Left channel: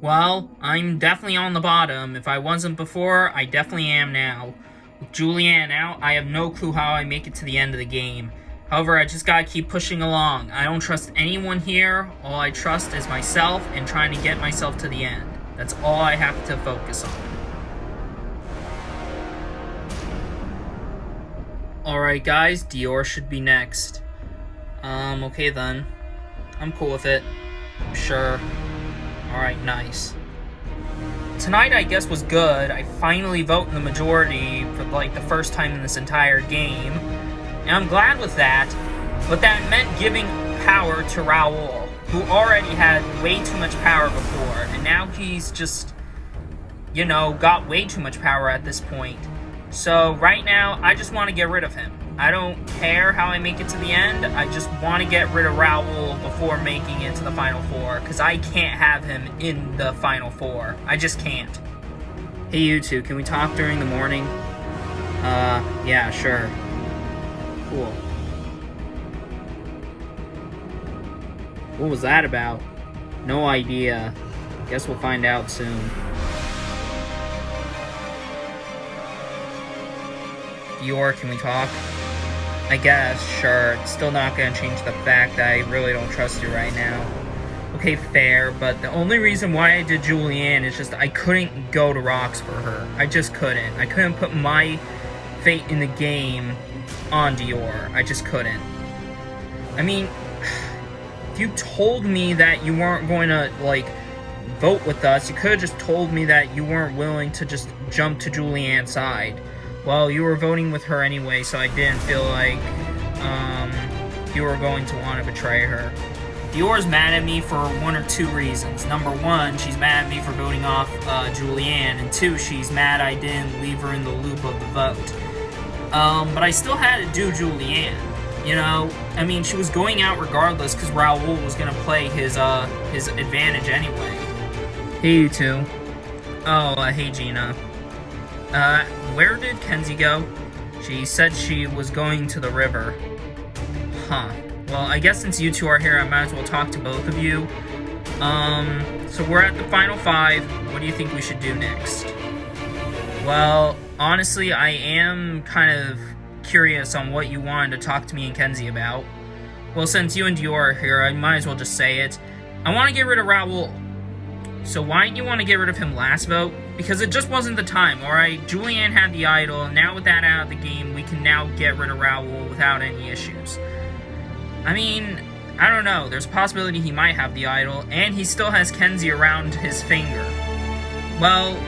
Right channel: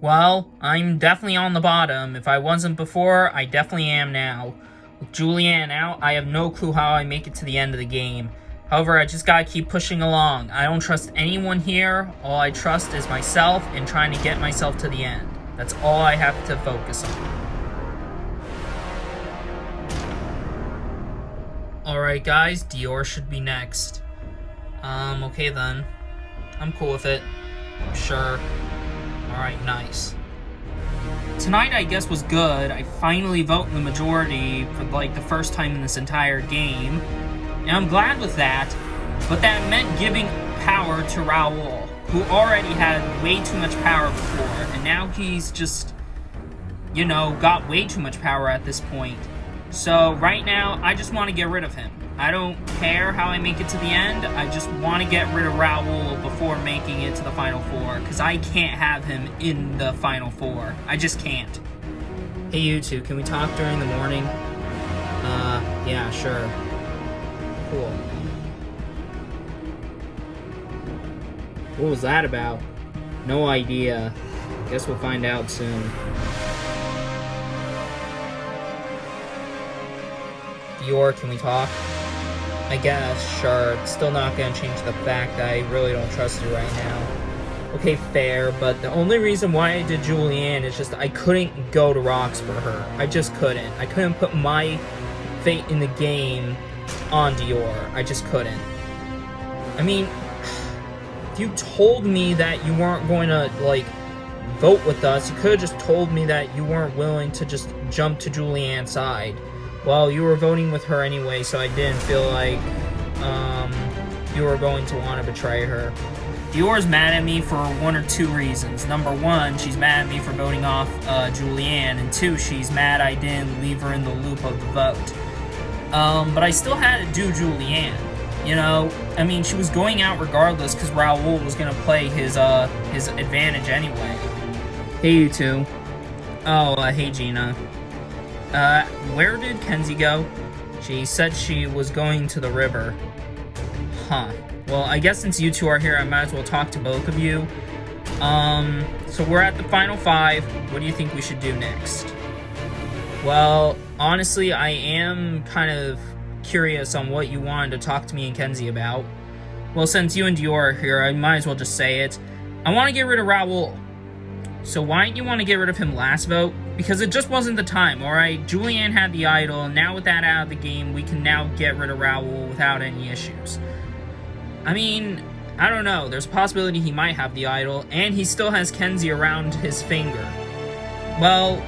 Well, I'm definitely on the bottom. If I wasn't before, I definitely am now. With Julianne out, I have no clue how I make it to the end of the game. However, I just gotta keep pushing along. I don't trust anyone here. All I trust is myself and trying to get myself to the end. That's all I have to focus on. Alright guys, Dior should be next. Okay then. I'm cool with it. Sure. Alright, nice. Tonight, I guess, was good. I finally vote in the majority for, like, the first time in this entire game. And I'm glad with that, but that meant giving power to Raoul, who already had way too much power before, and now he's just, you know, got way too much power at this point. So, right now, I just want to get rid of him. I don't care how I make it to the end, I just want to get rid of Raoul before making it to the Final Four, because I can't have him in the Final Four. I just can't. Hey you two, can we talk during the morning? Yeah, sure. Cool. What was that about? No idea. Guess we'll find out soon. Dior, can we talk? I guess, sure. It's still not gonna change the fact that I really don't trust you right now. Okay, fair, but the only reason why I did Julianne is just I couldn't go to rocks for her. I just couldn't. I couldn't put my fate in the game on Dior. I just couldn't. I mean, if you told me that you weren't going to, like, vote with us, you could have just told me that you weren't willing to just jump to Julianne's side. Well, you were voting with her anyway, so I didn't feel like you were going to want to betray her. Dior's mad at me for one or two reasons. Number one, she's mad at me for voting off Julianne, and two, she's mad I didn't leave her in the loop of the vote. But I still had to do Julianne. You know, I mean, she was going out regardless because Raoul was going to play his advantage anyway. Hey, you two. Oh, hey, Gina. Where did Kenzie go? She said she was going to the river. Huh. Well, I guess since you two are here, I might as well talk to both of you. So we're at the final five. What do you think we should do next? Well, honestly, I am kind of curious on what you wanted to talk to me and Kenzie about. Well, since you and Dior are here, I might as well just say it. I want to get rid of Raoul. So why didn't you want to get rid of him last vote? Because it just wasn't the time, alright? Julianne had the idol, and now with that out of the game, we can now get rid of Raoul without any issues. I mean, I don't know. There's a possibility he might have the idol, and he still has Kenzie around his finger. Well,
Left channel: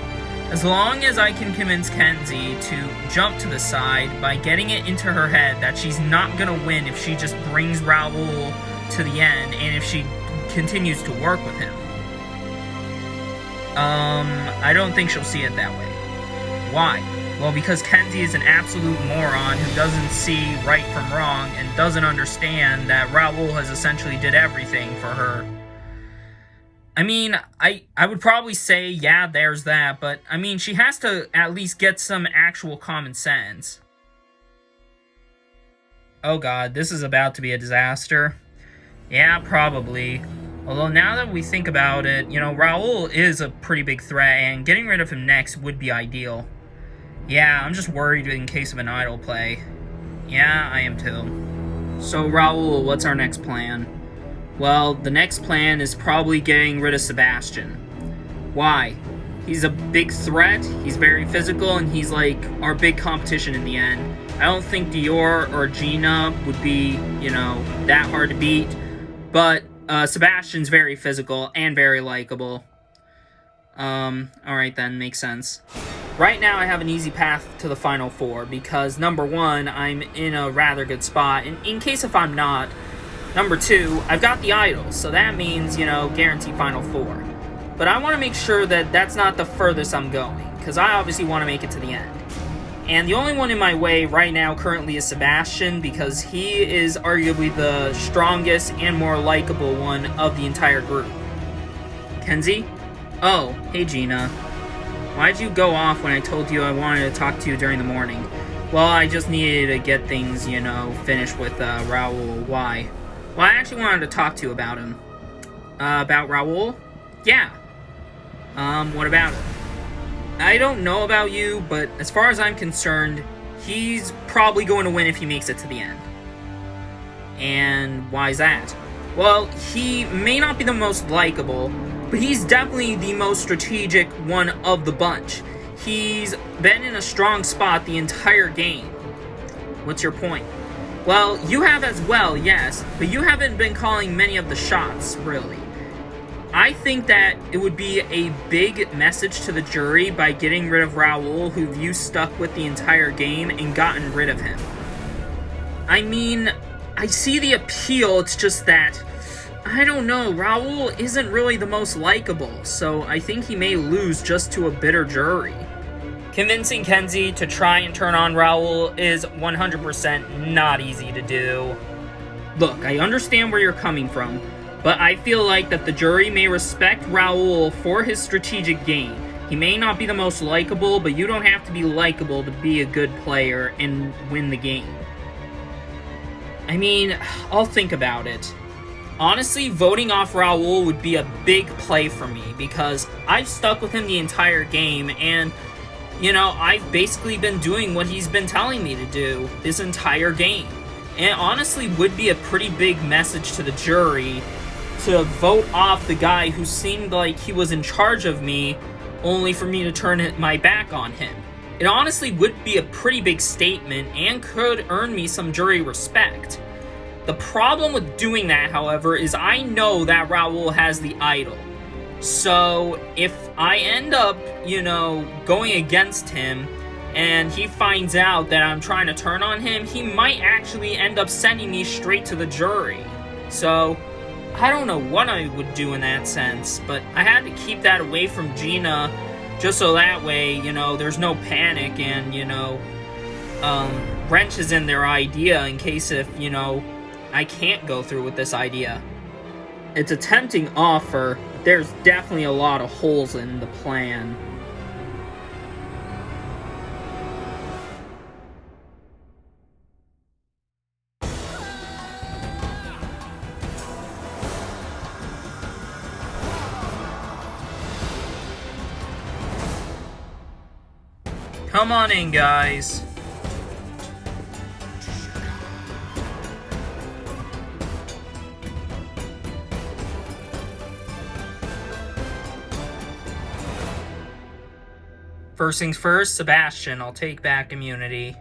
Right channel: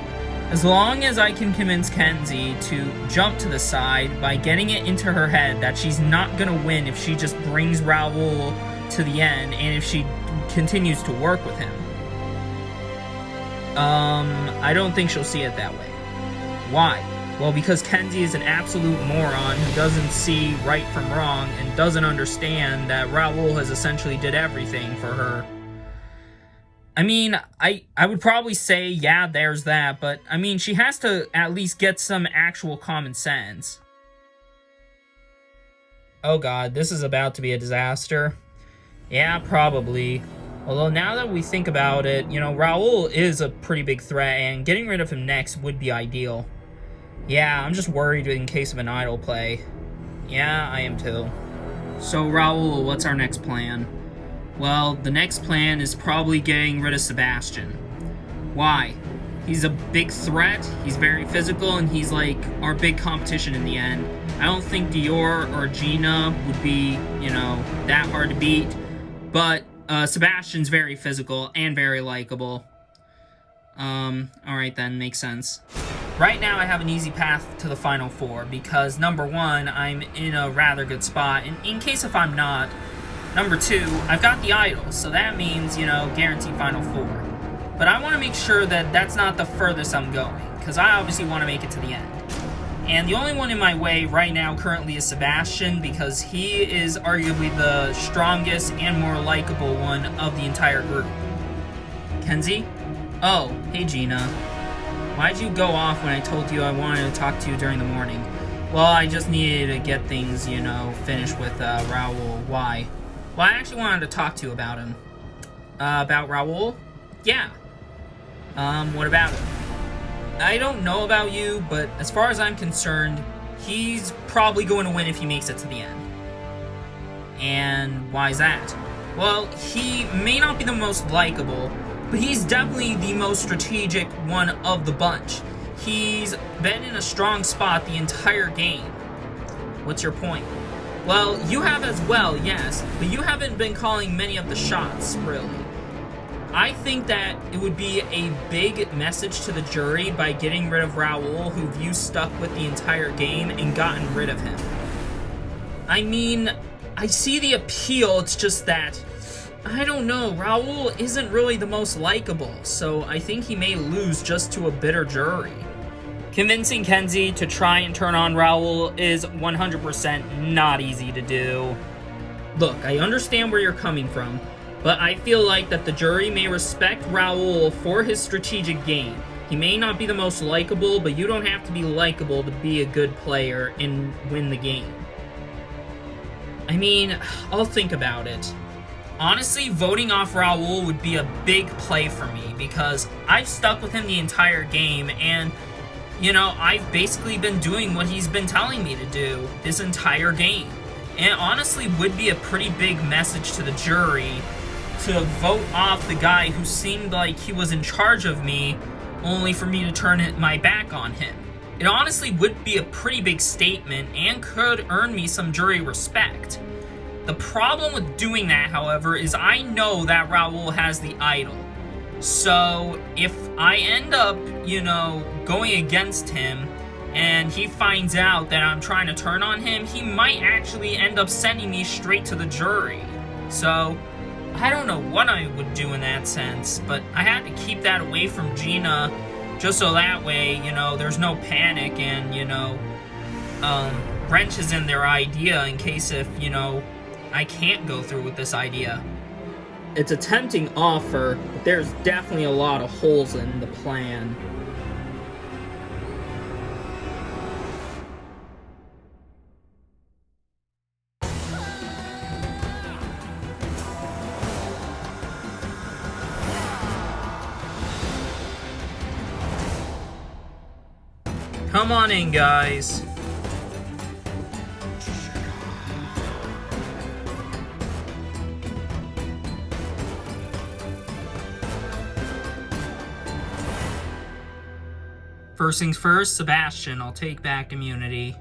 as long as I can convince Kenzie to jump to the side by getting it into her head that she's not gonna win if she just brings Raoul to the end, and if she continues to work with him. I don't think she'll see it that way. Why? Well, because Kenzie is an absolute moron who doesn't see right from wrong and doesn't understand that Raoul has essentially did everything for her. I mean, I would probably say, yeah, there's that, but, I mean, she has to at least get some actual common sense. Oh god, this is about to be a disaster. Yeah, probably. Although now that we think about it, you know, Raoul is a pretty big threat, and getting rid of him next would be ideal. Yeah, I'm just worried in case of an idol play. Yeah, I am too. So, Raoul, what's our next plan? Well, the next plan is probably getting rid of Sebastian. Why? He's a big threat, he's very physical, and he's like our big competition in the end. I don't think Dior or Gina would be, you know, that hard to beat, but Sebastian's very physical and very likable. Alright then, makes sense. Right now I have an easy path to the Final Four because, number one, I'm in a rather good spot, and in case if I'm not, number two, I've got the idol, so that means, you know, guaranteed Final Four. But I want to make sure that that's not the furthest I'm going, because I obviously want to make it to the end. And the only one in my way right now currently is Sebastian, because he is arguably the strongest and more likable one of the entire group. Kenzie? Oh, hey Gina. Why'd you go off when I told you I wanted to talk to you during the morning? Well, I just needed to get things, you know, finished with Raoul. Why? Well, I actually wanted to talk to you about him. About Raoul? Yeah. What about him? I don't know about you, but as far as I'm concerned, he's probably going to win if he makes it to the end. And why is that? Well, he may not be the most likable, but he's definitely the most strategic one of the bunch. He's been in a strong spot the entire game. What's your point? Well, you have as well, yes, but you haven't been calling many of the shots, really. I think that it would be a big message to the jury by getting rid of Raul, who you stuck with the entire game, and gotten rid of him. I mean, I see the appeal, it's just that, I don't know, Raul isn't really the most likable, so I think he may lose just to a bitter jury. Convincing Kenzie to try and turn on Raul is 100% not easy to do. Look, I understand where you're coming from, but I feel like that the jury may respect Raul for his strategic game. He may not be the most likable, but you don't have to be likable to be a good player and win the game. I mean, I'll think about it. Honestly, voting off Raul would be a big play for me, because I've stuck with him the entire game, and, you know, I've basically been doing what he's been telling me to do this entire game. And it honestly would be a pretty big message to the jury to vote off the guy who seemed like he was in charge of me, only for me to turn my back on him. It honestly would be a pretty big statement and could earn me some jury respect. The problem with doing that, however, is I know that Raul has the idol. So if I end up, you know, going against him and he finds out that I'm trying to turn on him, he might actually end up sending me straight to the jury. So I don't know what I would do in that sense, but I had to keep that away from Gina just so that way, you know, there's no panic and, you know, wrenches in their idea in case if, you know, I can't go through with this idea. It's a tempting offer, but there's definitely a lot of holes in the plan. Come on in, guys. First things first, Sebastian, I'll take back immunity.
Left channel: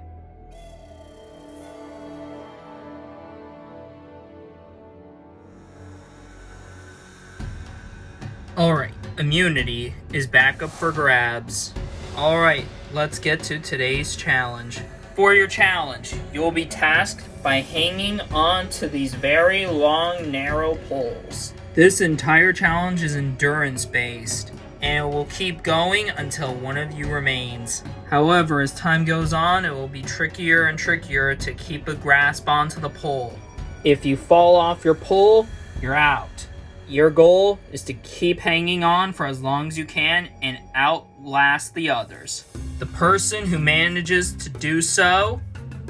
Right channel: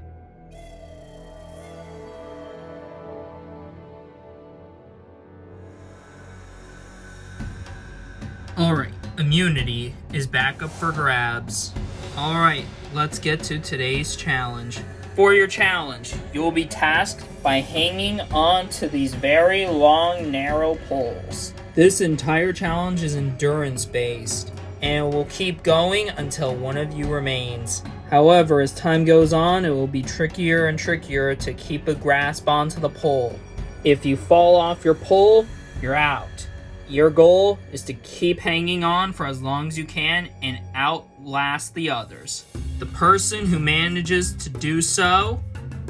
Alright, immunity is back up for grabs. Alright, let's get to today's challenge. For your challenge, you will be tasked by hanging on to these very long, narrow poles. This entire challenge is endurance-based, and it will keep going until one of you remains. However, as time goes on, it will be trickier and trickier to keep a grasp onto the pole. If you fall off your pole, you're out. Your goal is to keep hanging on for as long as you can and outlast the others. The person who manages to do so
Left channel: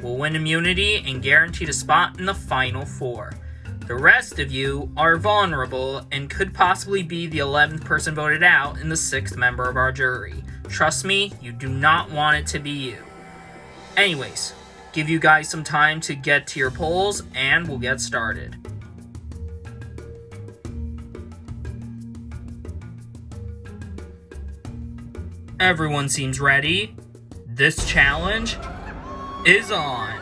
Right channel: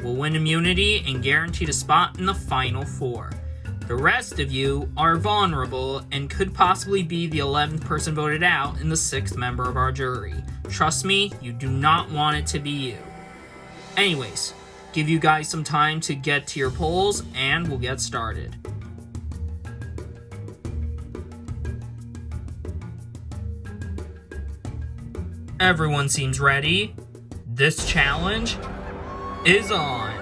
will win immunity and guaranteed a spot in the final four. The rest of you are vulnerable and could possibly be the 11th person voted out and the 6th member of our jury. Trust me, you do not want it to be you. Anyways, give you guys some time to get to your polls and we'll get started. Everyone seems ready. This challenge is on.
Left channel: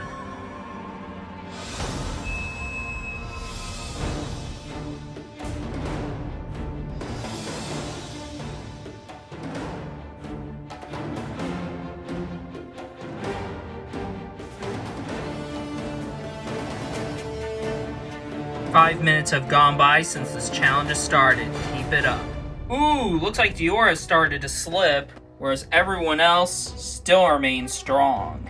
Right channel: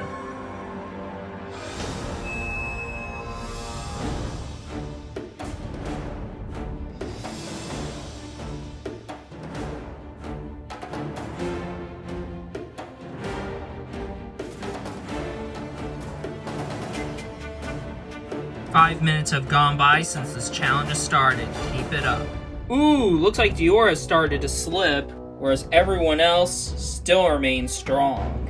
Five minutes have gone by since this challenge has started. Keep it up. Ooh, looks like Dior has started to slip, whereas everyone else still remains strong.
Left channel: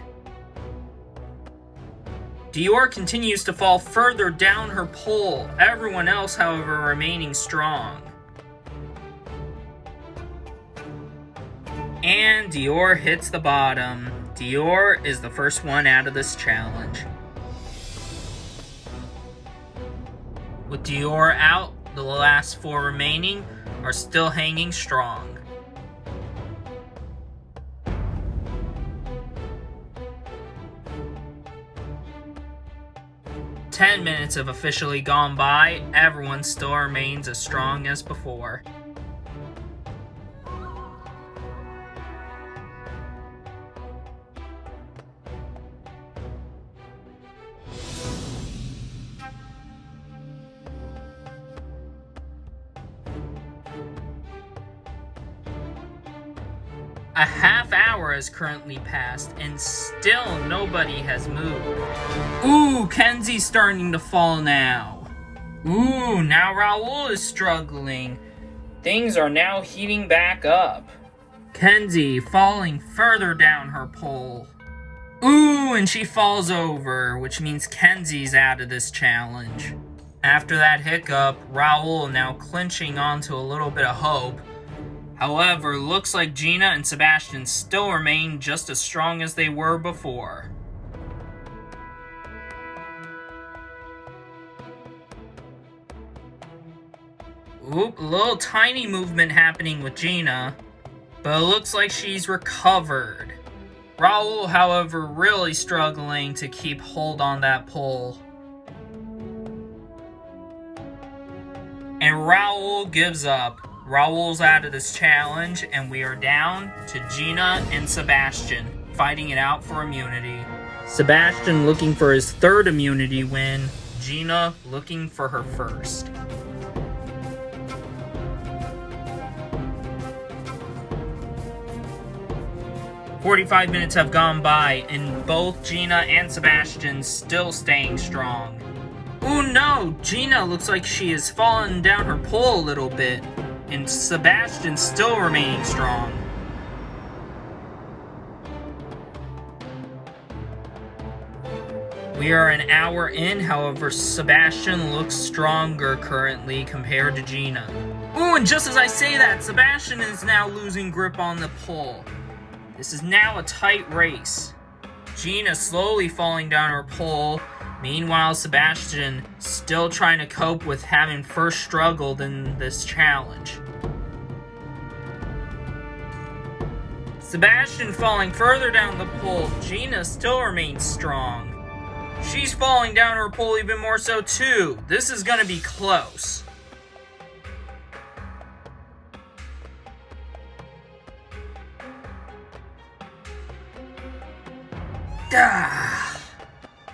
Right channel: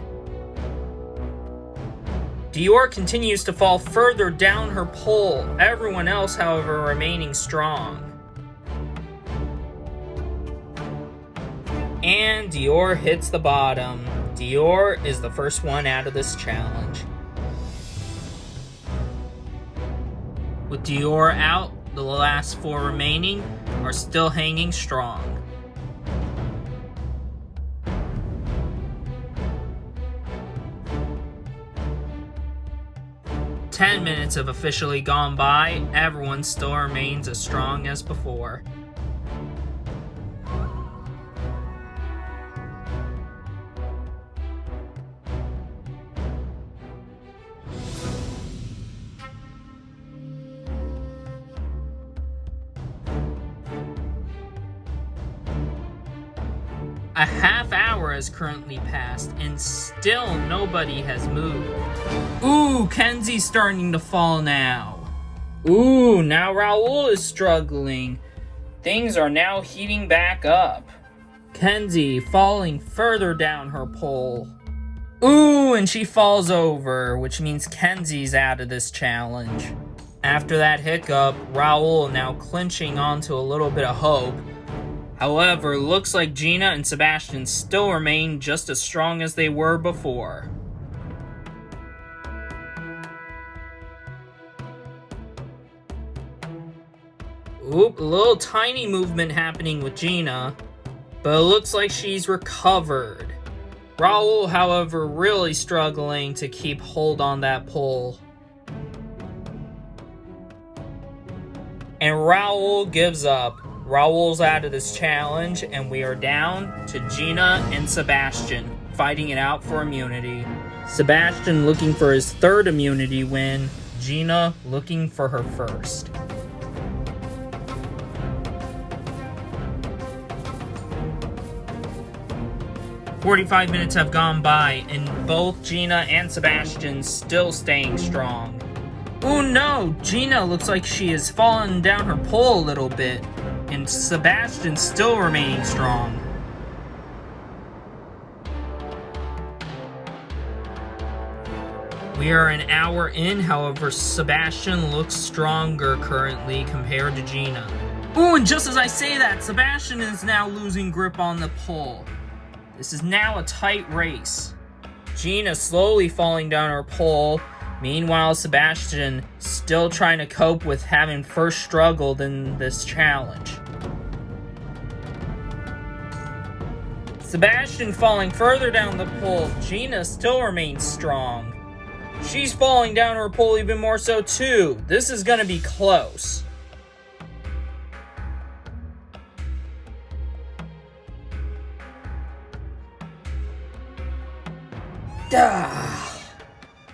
Dior continues to fall further down her pole, everyone else, however, remaining strong. And Dior hits the bottom. Dior is the first one out of this challenge. With Dior out, the last 4 remaining are still hanging strong. "10 minutes have officially gone by. Everyone still remains as strong as before. A half hour has currently passed, and still nobody has moved. Ooh, Kenzie's starting to fall now. Ooh, now Raoul is struggling. Things are now heating back up. Kenzie falling further down her pole. Ooh, and she falls over, which means Kenzie's out of this challenge. After that hiccup, Raoul now clinching onto a little bit of hope. However, looks like Gina and Sebastian still remain just as strong as they were before. Oop, a little tiny movement happening with Gina, but it looks like she's recovered. Raoul, however, really struggling to keep hold on that pole. And Raoul gives up. Raoul's out of this challenge, and we are down to Gina and Sebastian fighting it out for immunity. Sebastian looking for his 3rd immunity win, Gina looking for her 1st. "45 minutes have gone by, and both Gina and Sebastian still staying strong. Oh no, Gina looks like she has fallen down her pole a little bit, and Sebastian still remaining strong. We are an hour in, however, Sebastian looks stronger currently compared to Gina. Ooh, and just as I say that, Sebastian is now losing grip on the pole. This is now a tight race. Gina slowly falling down her pole. Meanwhile, Sebastian still trying to cope with having first struggled in this challenge. Sebastian falling further down the pole. Gina still remains strong. She's falling down her pole even more so too. This is gonna be close.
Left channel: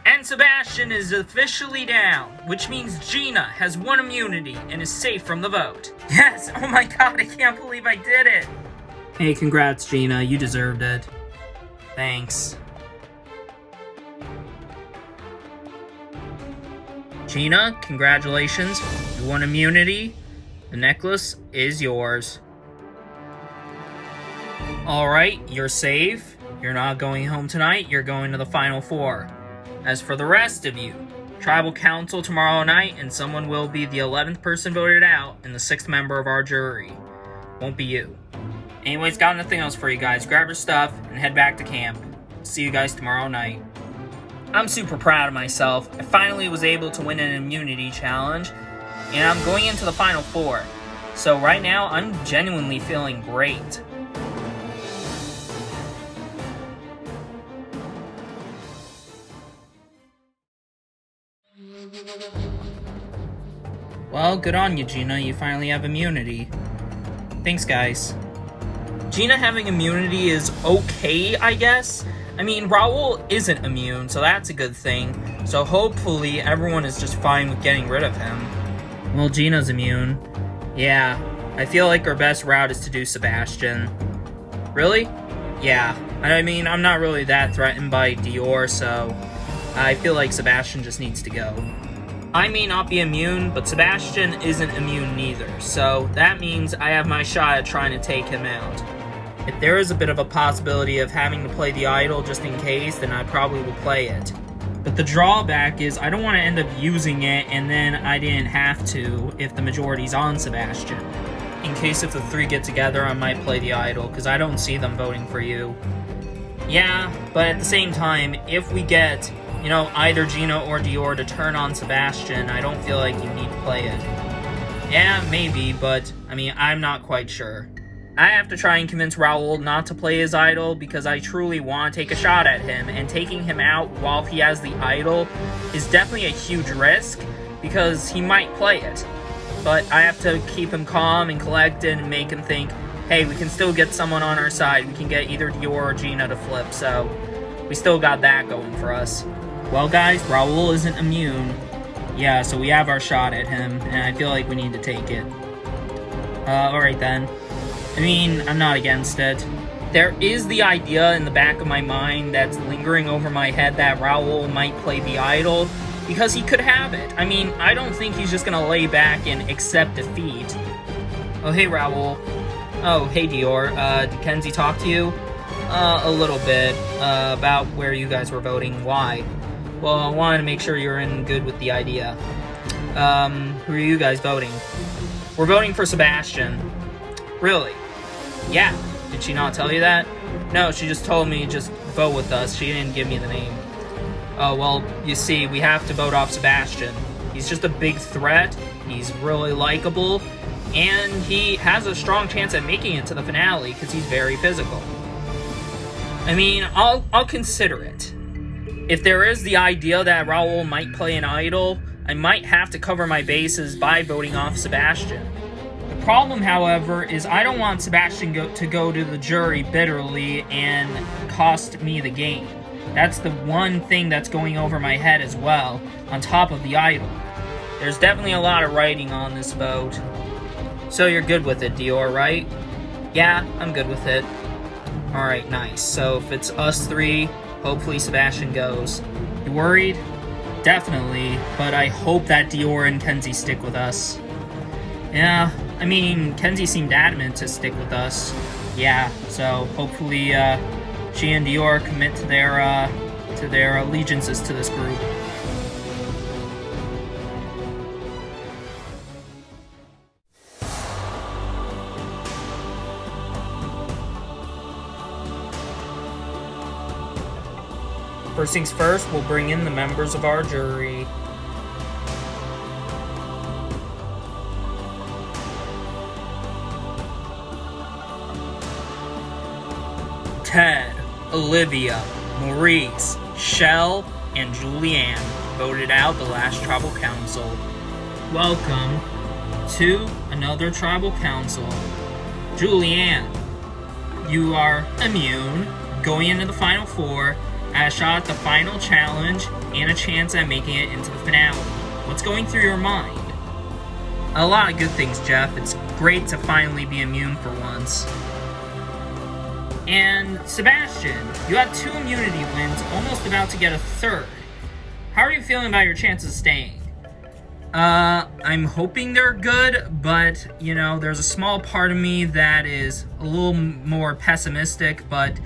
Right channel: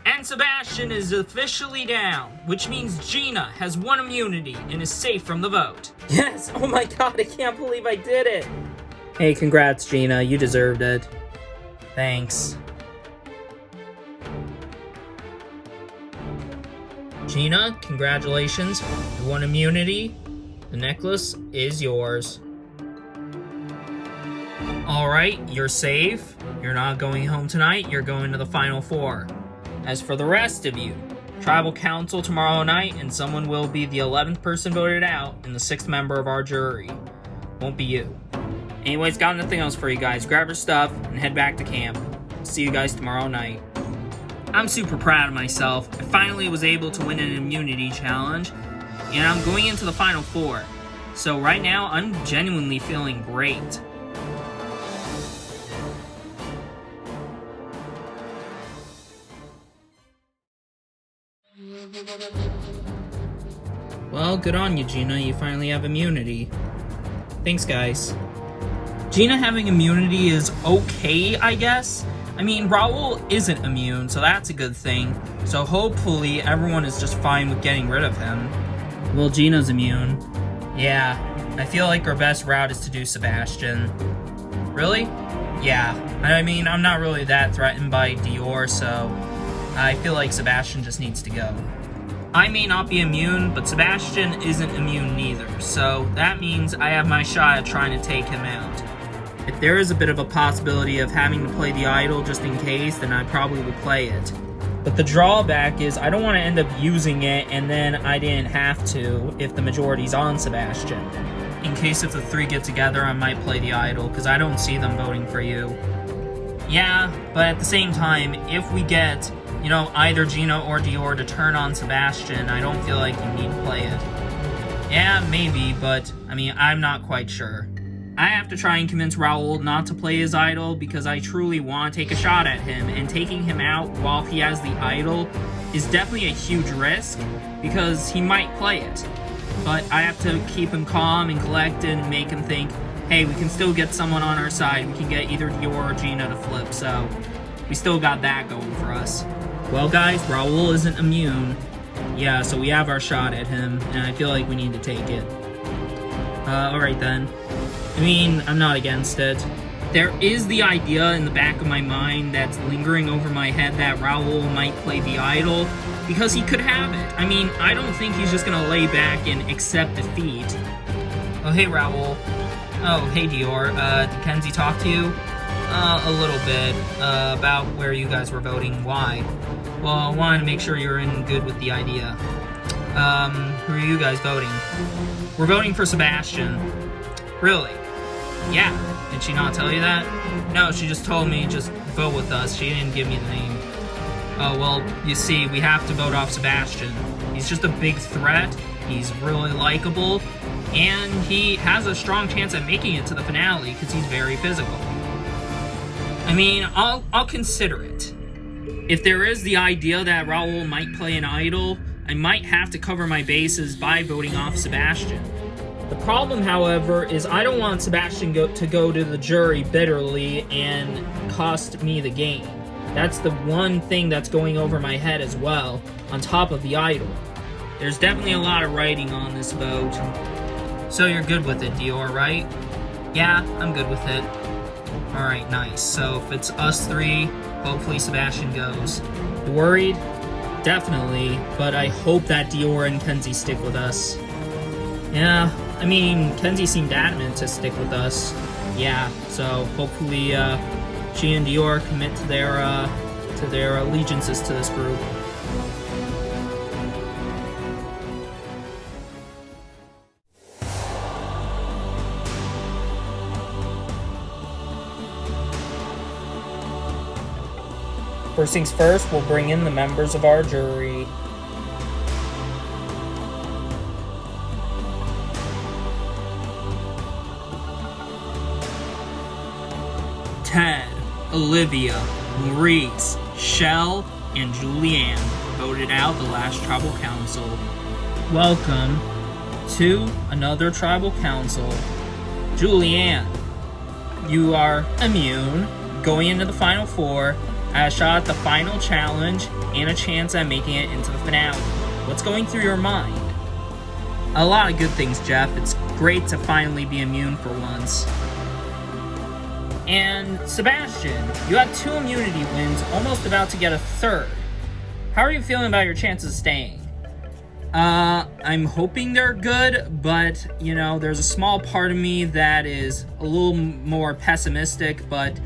And Sebastian is officially down, which means Gina has won immunity and is safe from the vote. Yes! Oh my god, I can't believe I did it! Hey, congrats, Gina. You deserved it. Thanks. Gina, congratulations. You won immunity. The necklace is yours. Alright, you're safe. You're not going home tonight. You're going to the Final Four. As for the rest of you, Tribal Council tomorrow night, and someone will be the 11th person voted out and the 6th member of our jury. Won't be you. Anyways, got nothing else for you guys. Grab your stuff and head back to camp. See you guys tomorrow night. I'm super proud of myself. I finally was able to win an immunity challenge, and I'm going into the Final Four. So right now, I'm genuinely feeling great. Well, good on you, Gina. You finally have immunity. Thanks, guys. Gina having immunity is okay, I guess. I mean, Raoul isn't immune, so that's a good thing. So hopefully everyone is just fine with getting rid of him. Well, Gina's immune. Yeah, I feel like our best route is to do Sebastian. Really? Yeah. I mean, I'm not really that threatened by Dior, so I feel like Sebastian just needs to go. I may not be immune, but Sebastian isn't immune neither, so that means I have my shot at trying to take him out. If there is a bit of a possibility of having to play the idol just in case, then I probably will play it. But the drawback is I don't want to end up using it and then I didn't have to if the majority's on Sebastian. In case if the three get together, I might play the idol, because I don't see them voting for you. Yeah, but at the same time, if we get, you know, either Gina or Dior to turn on Sebastian, I don't feel like you need to play it. Yeah, maybe, but, I mean, I'm not quite sure. I have to try and convince Raul not to play his idol because I truly want to take a shot at him, and taking him out while he has the idol is definitely a huge risk because he might play it. But I have to keep him calm and collected and make him think, hey, we can still get someone on our side. We can get either Dior or Gina to flip, so we still got that going for us. Well, guys, Raul isn't immune. Yeah, so we have our shot at him, and I feel like we need to take it. Alright then. I mean, I'm not against it. There is the idea in the back of my mind that's lingering over my head that Raul might play the idol, because he could have it. I mean, I don't think he's just gonna lay back and accept defeat. Oh, hey, Raul. Oh, hey, Dior. Did Kenzie talk to you? A little bit, about where you guys were voting. Why? Well, I wanted to make sure you're in good with the idea. Who are you guys voting? We're voting for Sebastian. Really? Yeah. Did she not tell you that? No, she just told me just vote with us. She didn't give me the name. Oh, well, you see, we have to vote off Sebastian. He's just a big threat. He's really likable. And he has a strong chance at making it to the finale because he's very physical. I mean, I'll consider it. If there is the idea that Raul might play an idol, I might have to cover my bases by voting off Sebastian. The problem, however, is I don't want Sebastian to go to the jury bitterly and cost me the game. That's the one thing that's going over my head as well, on top of the idol. There's definitely a lot of writing on this vote. So you're good with it, Dior, right? Yeah, I'm good with it. Alright, nice. So if it's us three, hopefully Sebastian goes. You worried? Definitely, but I hope that Dior and Kenzie stick with us. Yeah, I mean, Kenzie seemed adamant to stick with us. Yeah, so hopefully she and Dior commit to their allegiances to this group. First things first, we'll bring in the members of our jury. Ted, Olivia, Maurice, Shell, and Julianne voted out the last tribal council. Welcome to another tribal council. Julianne, you are immune. Going into the final four, a shot at the final challenge, and a chance at making it into the finale. What's going through your mind? A lot of good things, Jeff. It's great to finally be immune for once. And Sebastian, you had 2 immunity wins, almost about to get a 3rd. How are you feeling about your chances of staying? I'm hoping they're good, but, you know, there's a small part of me that is a little more pessimistic, but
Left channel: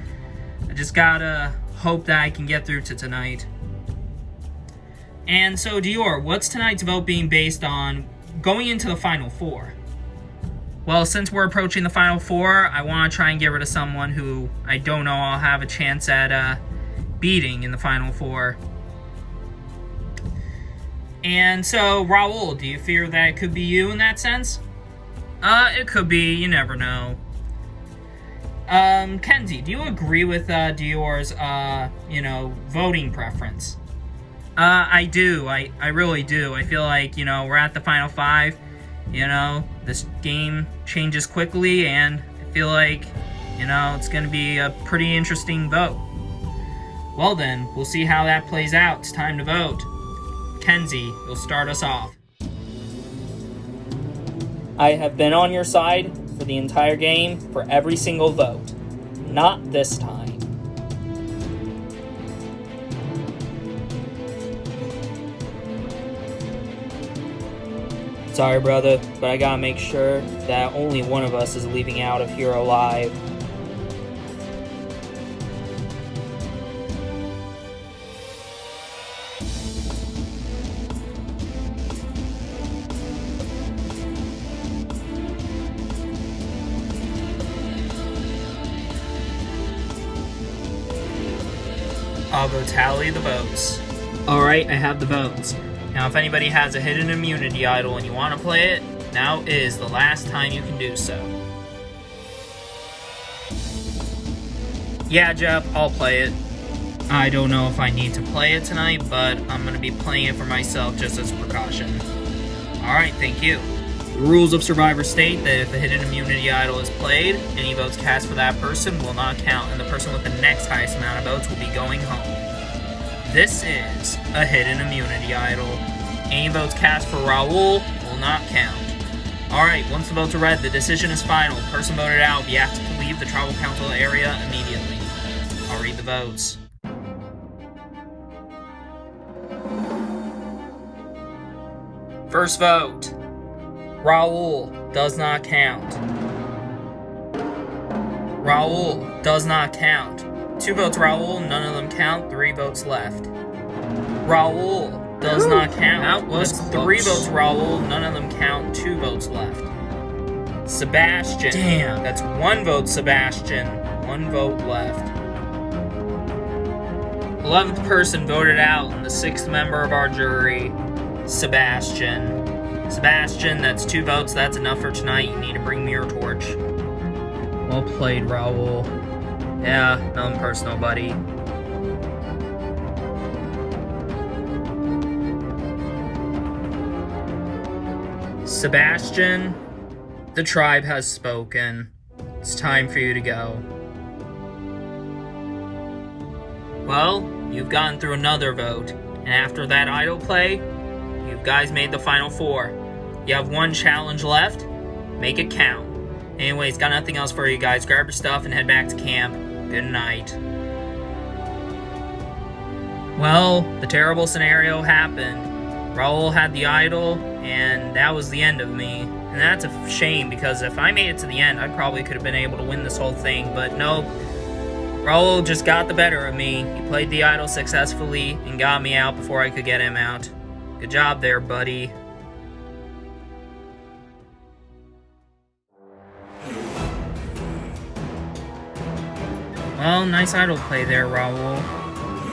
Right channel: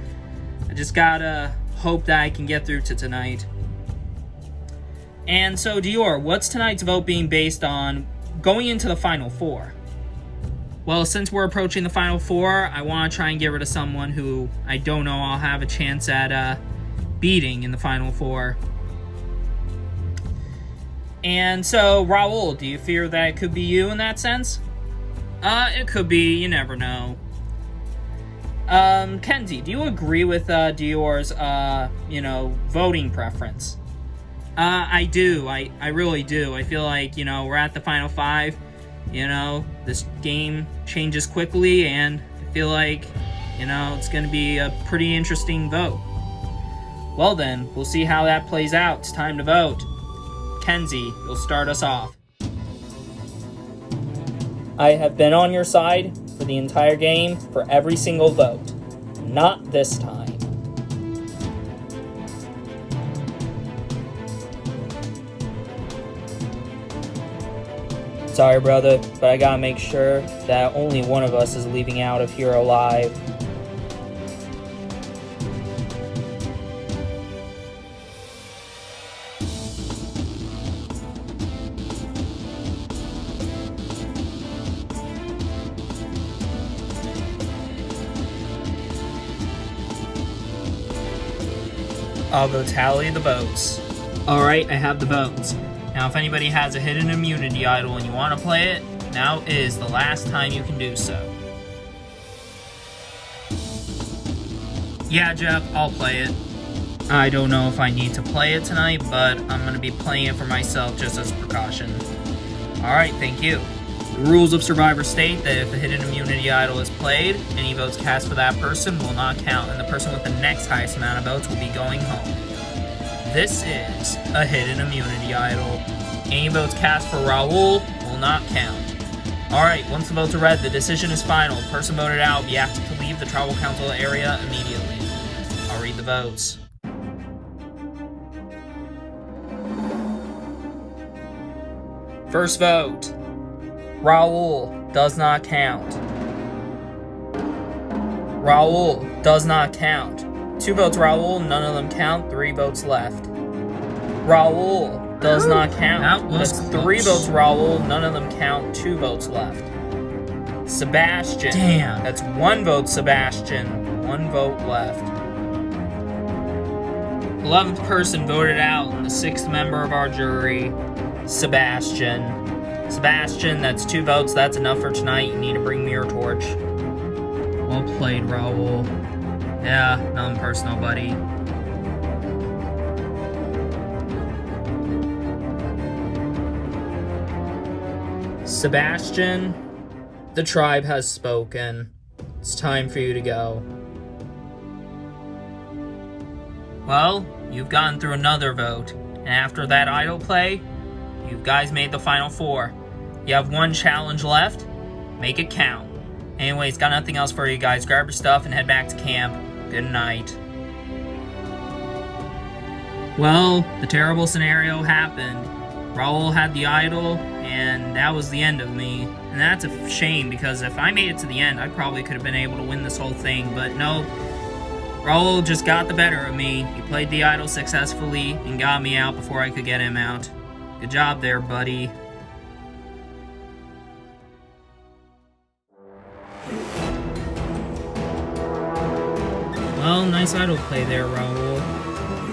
I just gotta hope that I can get through to tonight. And so, Dior, what's tonight's vote being based on going into the final four? Well, since we're approaching the final four, I want to try and get rid of someone who I don't know I'll have a chance at beating in the final four. And so, Raul, do you fear that it could be you in that sense? It could be, you never know. Kenzie, do you agree with Dior's, voting preference? I do. I really do. I feel like, we're at the final 5. This game changes quickly, and I feel like, it's going to be a pretty interesting vote. Well then, we'll see how that plays out. It's time to vote. Kenzie, you'll start us off. I have been on your side for the entire game, for every single vote. Not this time. Sorry, brother, but I gotta make sure that only one of us is leaving out of here alive. I'll go tally the votes. Alright, I have the votes. Now, if anybody has a hidden immunity idol and you want to play it, Now is the last time you can do so. Yeah, Jeff, I'll play it. I don't know if I need to play it tonight, but I'm going to be playing it for myself just as a precaution. Alright, thank you. The rules of Survivor state that if a hidden immunity idol is played, any votes cast for that person will not count, and the person with the next highest amount of votes will be going home. This is a hidden immunity idol. Any votes cast for Raul will not count. Alright, once the votes are read, the decision is final. The person voted out will be asked to leave the tribal council area immediately. I'll read the votes. First vote. Raul does not count. Raul does not count. 2 votes Raul, none of them count, 3 votes left. Raul does not count. That's 3 votes Raul, none of them count, 2 votes left. Sebastian. Damn. That's 1 vote Sebastian, 1 vote left. 11th person voted out, and the 6th member of our jury, Sebastian. Sebastian, that's 2 votes. That's enough for tonight. You need to bring me your torch. Well played, Raul. Yeah, nothing personal, buddy. Sebastian, the tribe has spoken. It's time for you to go. Well, you've gotten through another vote, and after that idol play, you guys made the final 4. You have 1 challenge left. Make it count. Anyways, got nothing else for you guys. Grab your stuff and head back to camp. Good night. Well, the terrible scenario happened. Raul had the idol, and that was the end of me. And that's a shame, because if I made it to the end, I probably could have been able to win this whole thing. But no, Raul just got the better of me. He played the idol successfully and got me out before I could get him out. Good job there, buddy. Well, nice idol play there, Raul.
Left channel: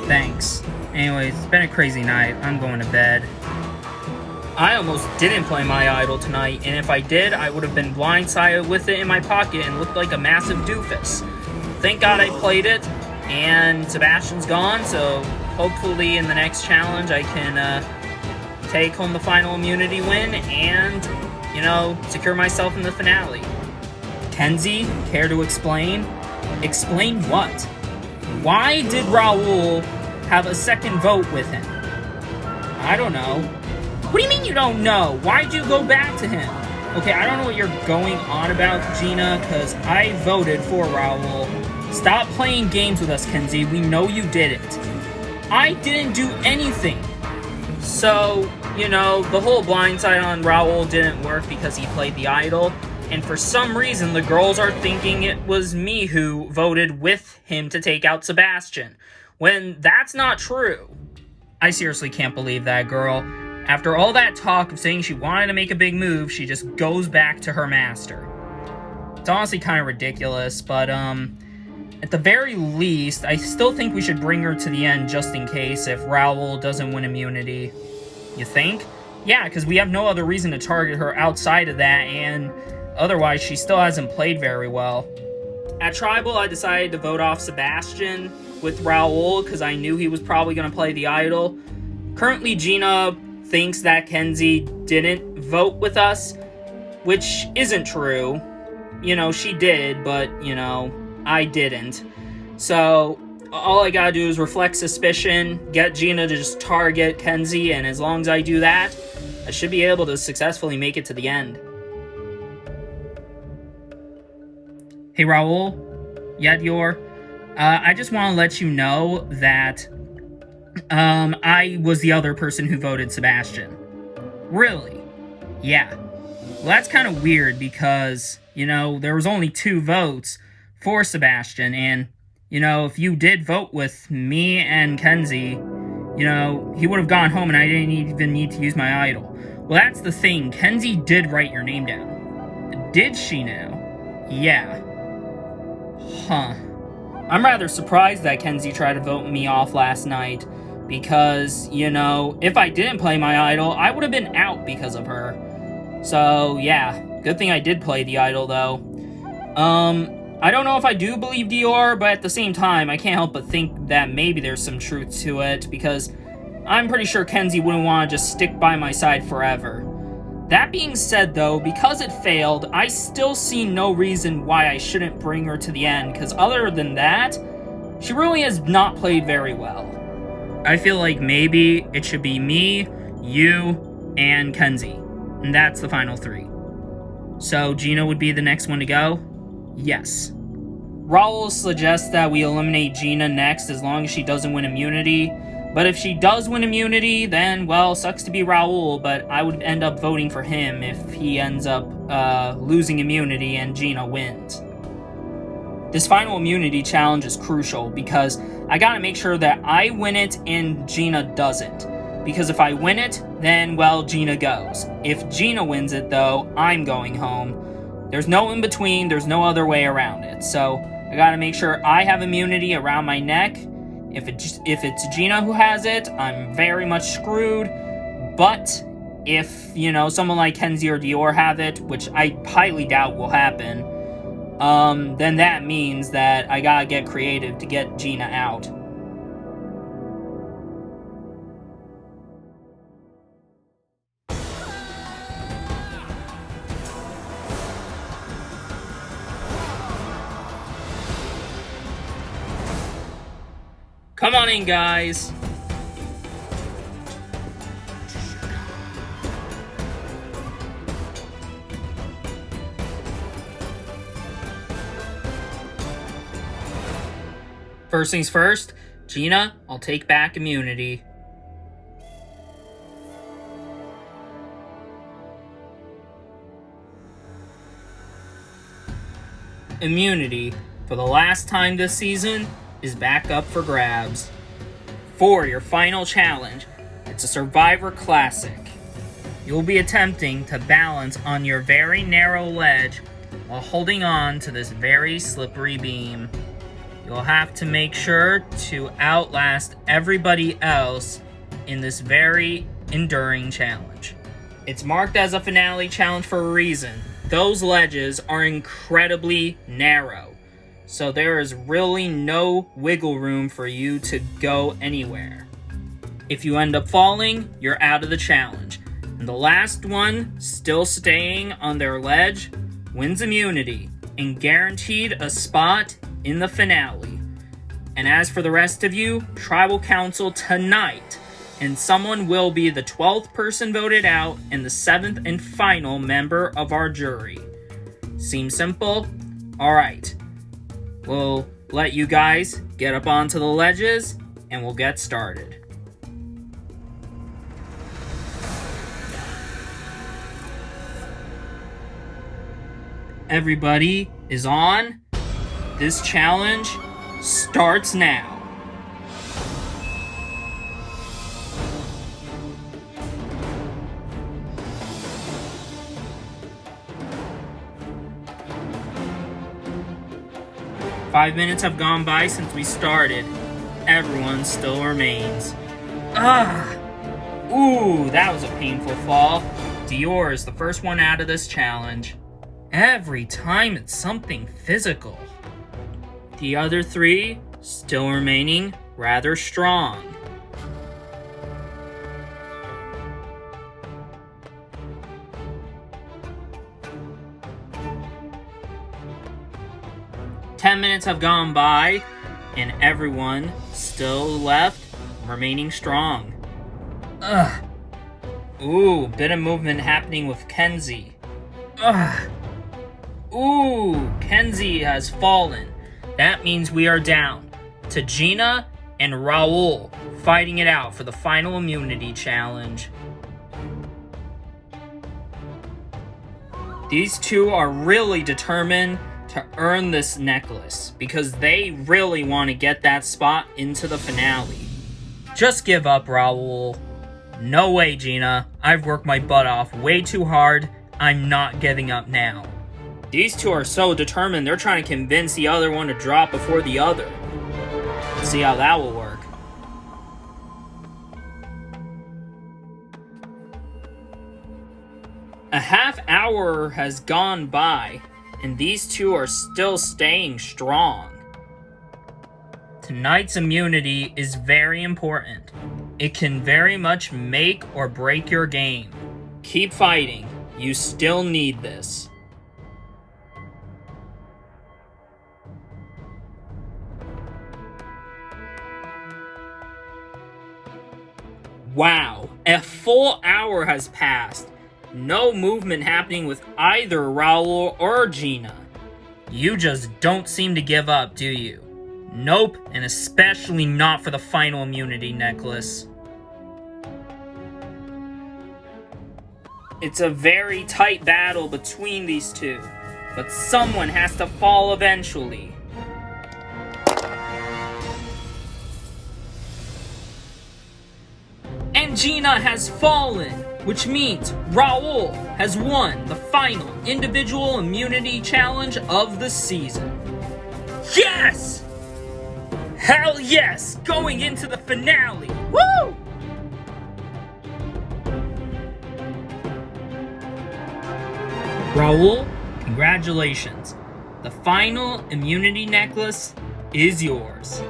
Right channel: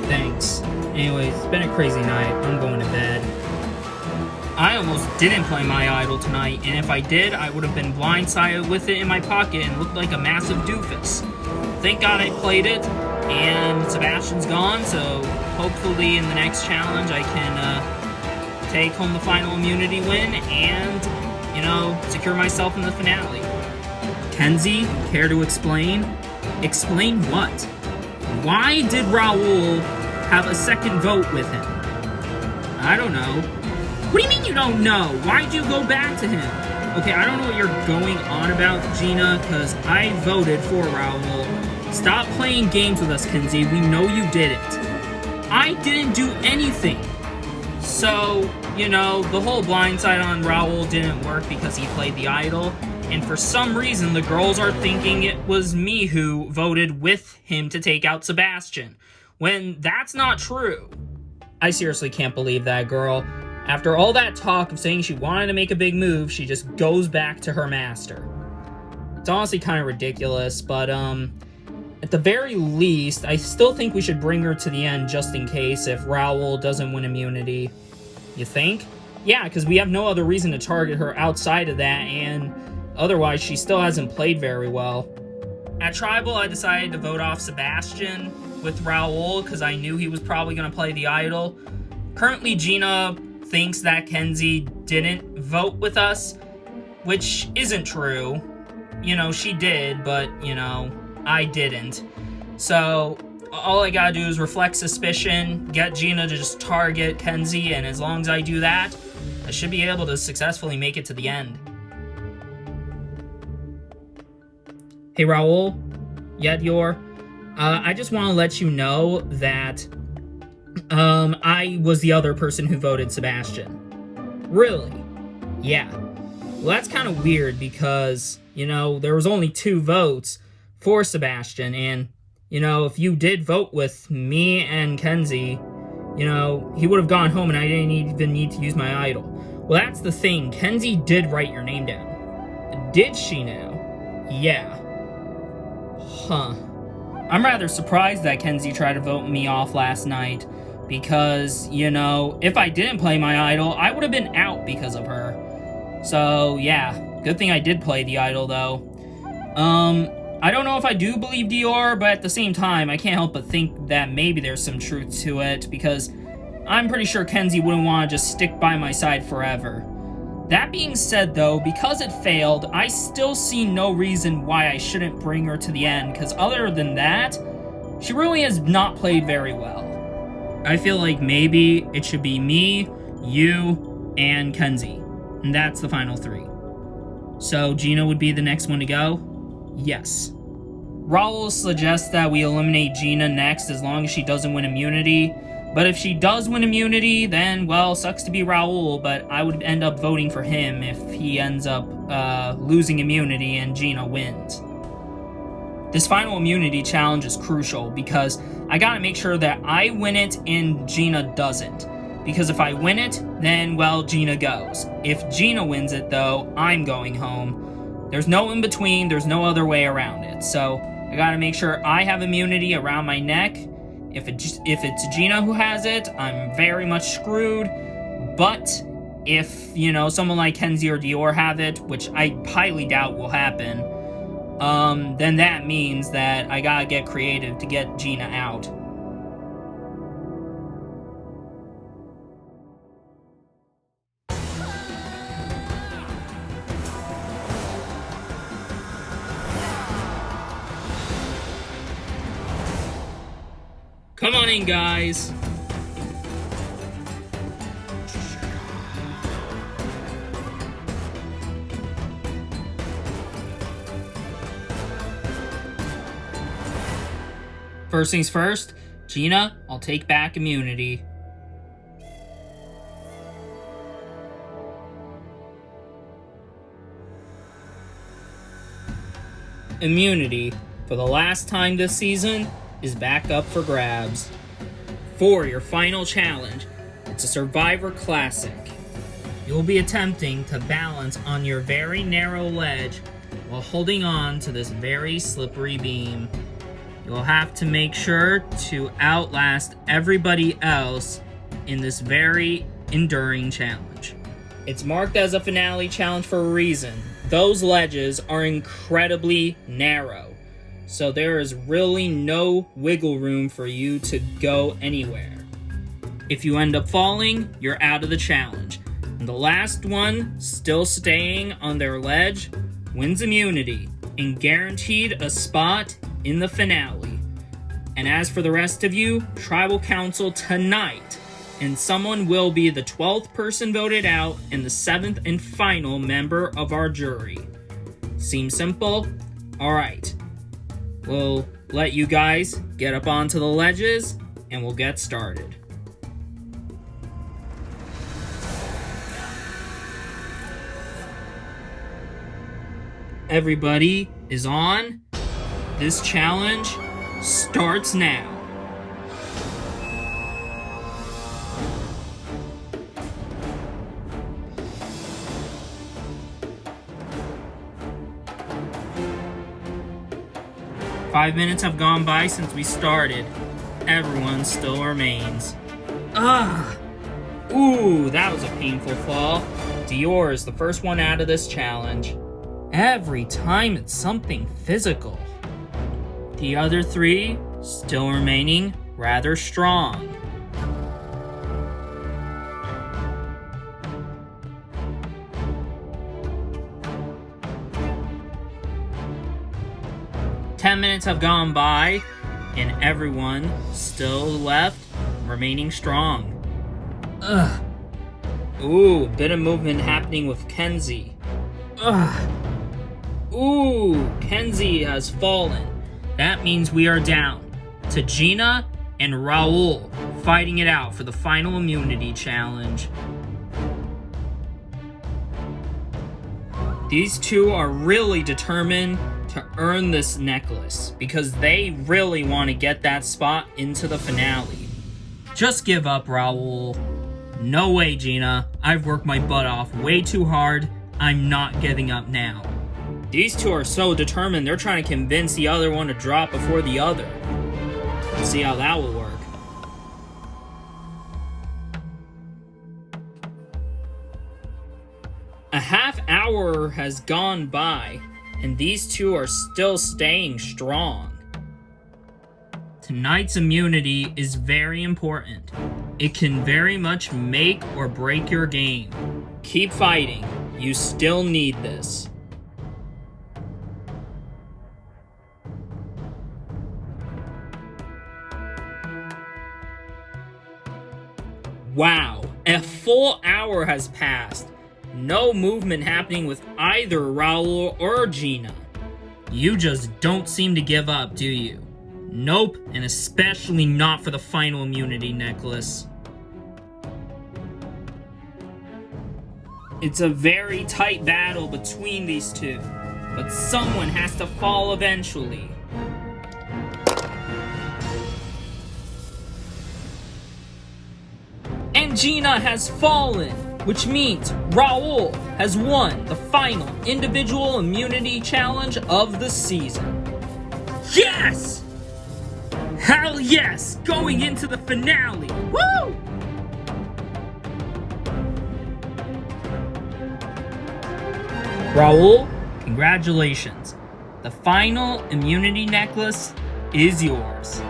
Thanks. Anyways, it's been a crazy night. I'm going to bed. I almost didn't play my idol tonight, and if I did, I would have been blindsided with it in my pocket and looked like a massive doofus. Thank God I played it, and Sebastian's gone, so hopefully in the next challenge I can take home the final immunity win and, you know, secure myself in the finale. Kenzie, care to explain? Explain what? Why did Raul have a second vote with him? I don't know. What do you mean you don't know? Why'd you go back to him? Okay, I don't know what you're going on about, Gina, because I voted for Raul. Stop playing games with us, Kenzie. We know you didn't. I didn't do anything. So, you know, the whole blindside on Raul didn't work because he played the idol. And for some reason, the girls are thinking it was me who voted with him to take out Sebastian, when that's not true. I seriously can't believe that girl. After all that talk of saying she wanted to make a big move, she just goes back to her master. It's honestly kind of ridiculous, but at the very least, I still think we should bring her to the end just in case if Raul doesn't win immunity. You think? Yeah, because we have no other reason to target her outside of that, and otherwise, she still hasn't played very well. At Tribal, I decided to vote off Sebastian with Raul because I knew he was probably going to play the idol. Currently, Gina thinks that Kenzie didn't vote with us, which isn't true. You know, she did, but, you know, I didn't. So, all I gotta do is reflect suspicion, get Gina to just target Kenzie, and as long as I do that, I should be able to successfully make it to the end. Hey, Raul? Yeah, Dior? I just want to let you know that I was the other person who voted Sebastian. Really? Yeah. Well, that's kind of weird because, you know, there was only 2 votes for Sebastian, and, you know, if you did vote with me and Kenzie, you know, he would have gone home and I didn't even need to use my idol. Well, that's the thing. Kenzie did write your name down. Did she now? Yeah. Huh. I'm rather surprised that Kenzie tried to vote me off last night, because, you know, if I didn't play my idol, I would have been out because of her. So, yeah, good thing I did play the idol, though. I don't know if I do believe Dior, but at the same time, I can't help but think that maybe there's some truth to it, because I'm pretty sure Kenzie wouldn't want to just stick by my side forever. That being said, though, because it failed, I still see no reason why I shouldn't bring her to the end, because other than that, she really has not played very well. I feel like maybe it should be me, you, and Kenzie, and that's the final 3. So Gina would be the next one to go? Yes. Raul suggests that we eliminate Gina next as long as she doesn't win immunity. But if she does win immunity, then, well, sucks to be Raul, but I would end up voting for him if he ends up losing immunity and Gina wins. This final immunity challenge is crucial because I gotta make sure that I win it and Gina doesn't. Because if I win it, then, well, Gina goes. If Gina wins it, though, I'm going home. There's no in between, there's no other way around it. So I gotta make sure I have immunity around my neck. If it's Gina who has it, I'm very much screwed. But if, someone like Kenzie or Dior have it, which I highly doubt will happen, then that means that I gotta get creative to get Gina out. Come on in, guys. First things first, Gina, I'll take back immunity. Immunity, for the last time this season, is back up for grabs. For your final challenge, it's a Survivor Classic. You'll be attempting to balance on your very narrow ledge while holding on to this very slippery beam. You'll have to make sure to outlast everybody else in this very enduring challenge. It's marked as a finale challenge for a reason. Those ledges are incredibly narrow. So there is really no wiggle room for you to go anywhere. If you end up falling, you're out of the challenge. And the last one, still staying on their ledge, wins immunity and guaranteed a spot in the finale. And as for the rest of you, Tribal Council tonight, and someone will be the 12th person voted out and the 7th and final member of our jury. Seems simple? Alright. We'll let you guys get up onto the ledges, and we'll get started. Everybody is on. This challenge starts now. Five minutes have gone by since we started. Everyone still remains. Ooh, that was a painful fall. Dior is the first one out of this challenge. Every time it's something physical. The other 3 still remaining rather strong. Ten minutes have gone by, and everyone still left, remaining strong. Ooh, bit of movement happening with Kenzie. Ooh, Kenzie has fallen. That means we are down to Gina and Raul fighting it out for the final immunity challenge. These two are really determined to earn this necklace because they really want to get that spot into the finale. Just give up, Raul. No way, Gina. I've worked my butt off way too hard. I'm not giving up now. These two are so determined, they're trying to convince the other one to drop before the other. Let's see how that will work. A half hour has gone by, and these two are still staying strong. Tonight's immunity is very important. It can very much make or break your game. Keep fighting. You still need this. Wow, a full hour has passed. No movement happening with either Raul or Gina. You just don't seem to give up, do you? Nope, and especially not for the final immunity necklace. It's a very tight battle between these two, but someone has to fall eventually. And Gina has fallen, which means Raul has won the final individual immunity challenge of the season. Yes! Hell yes! Going into the finale! Woo! Raul, congratulations. The final immunity necklace is yours.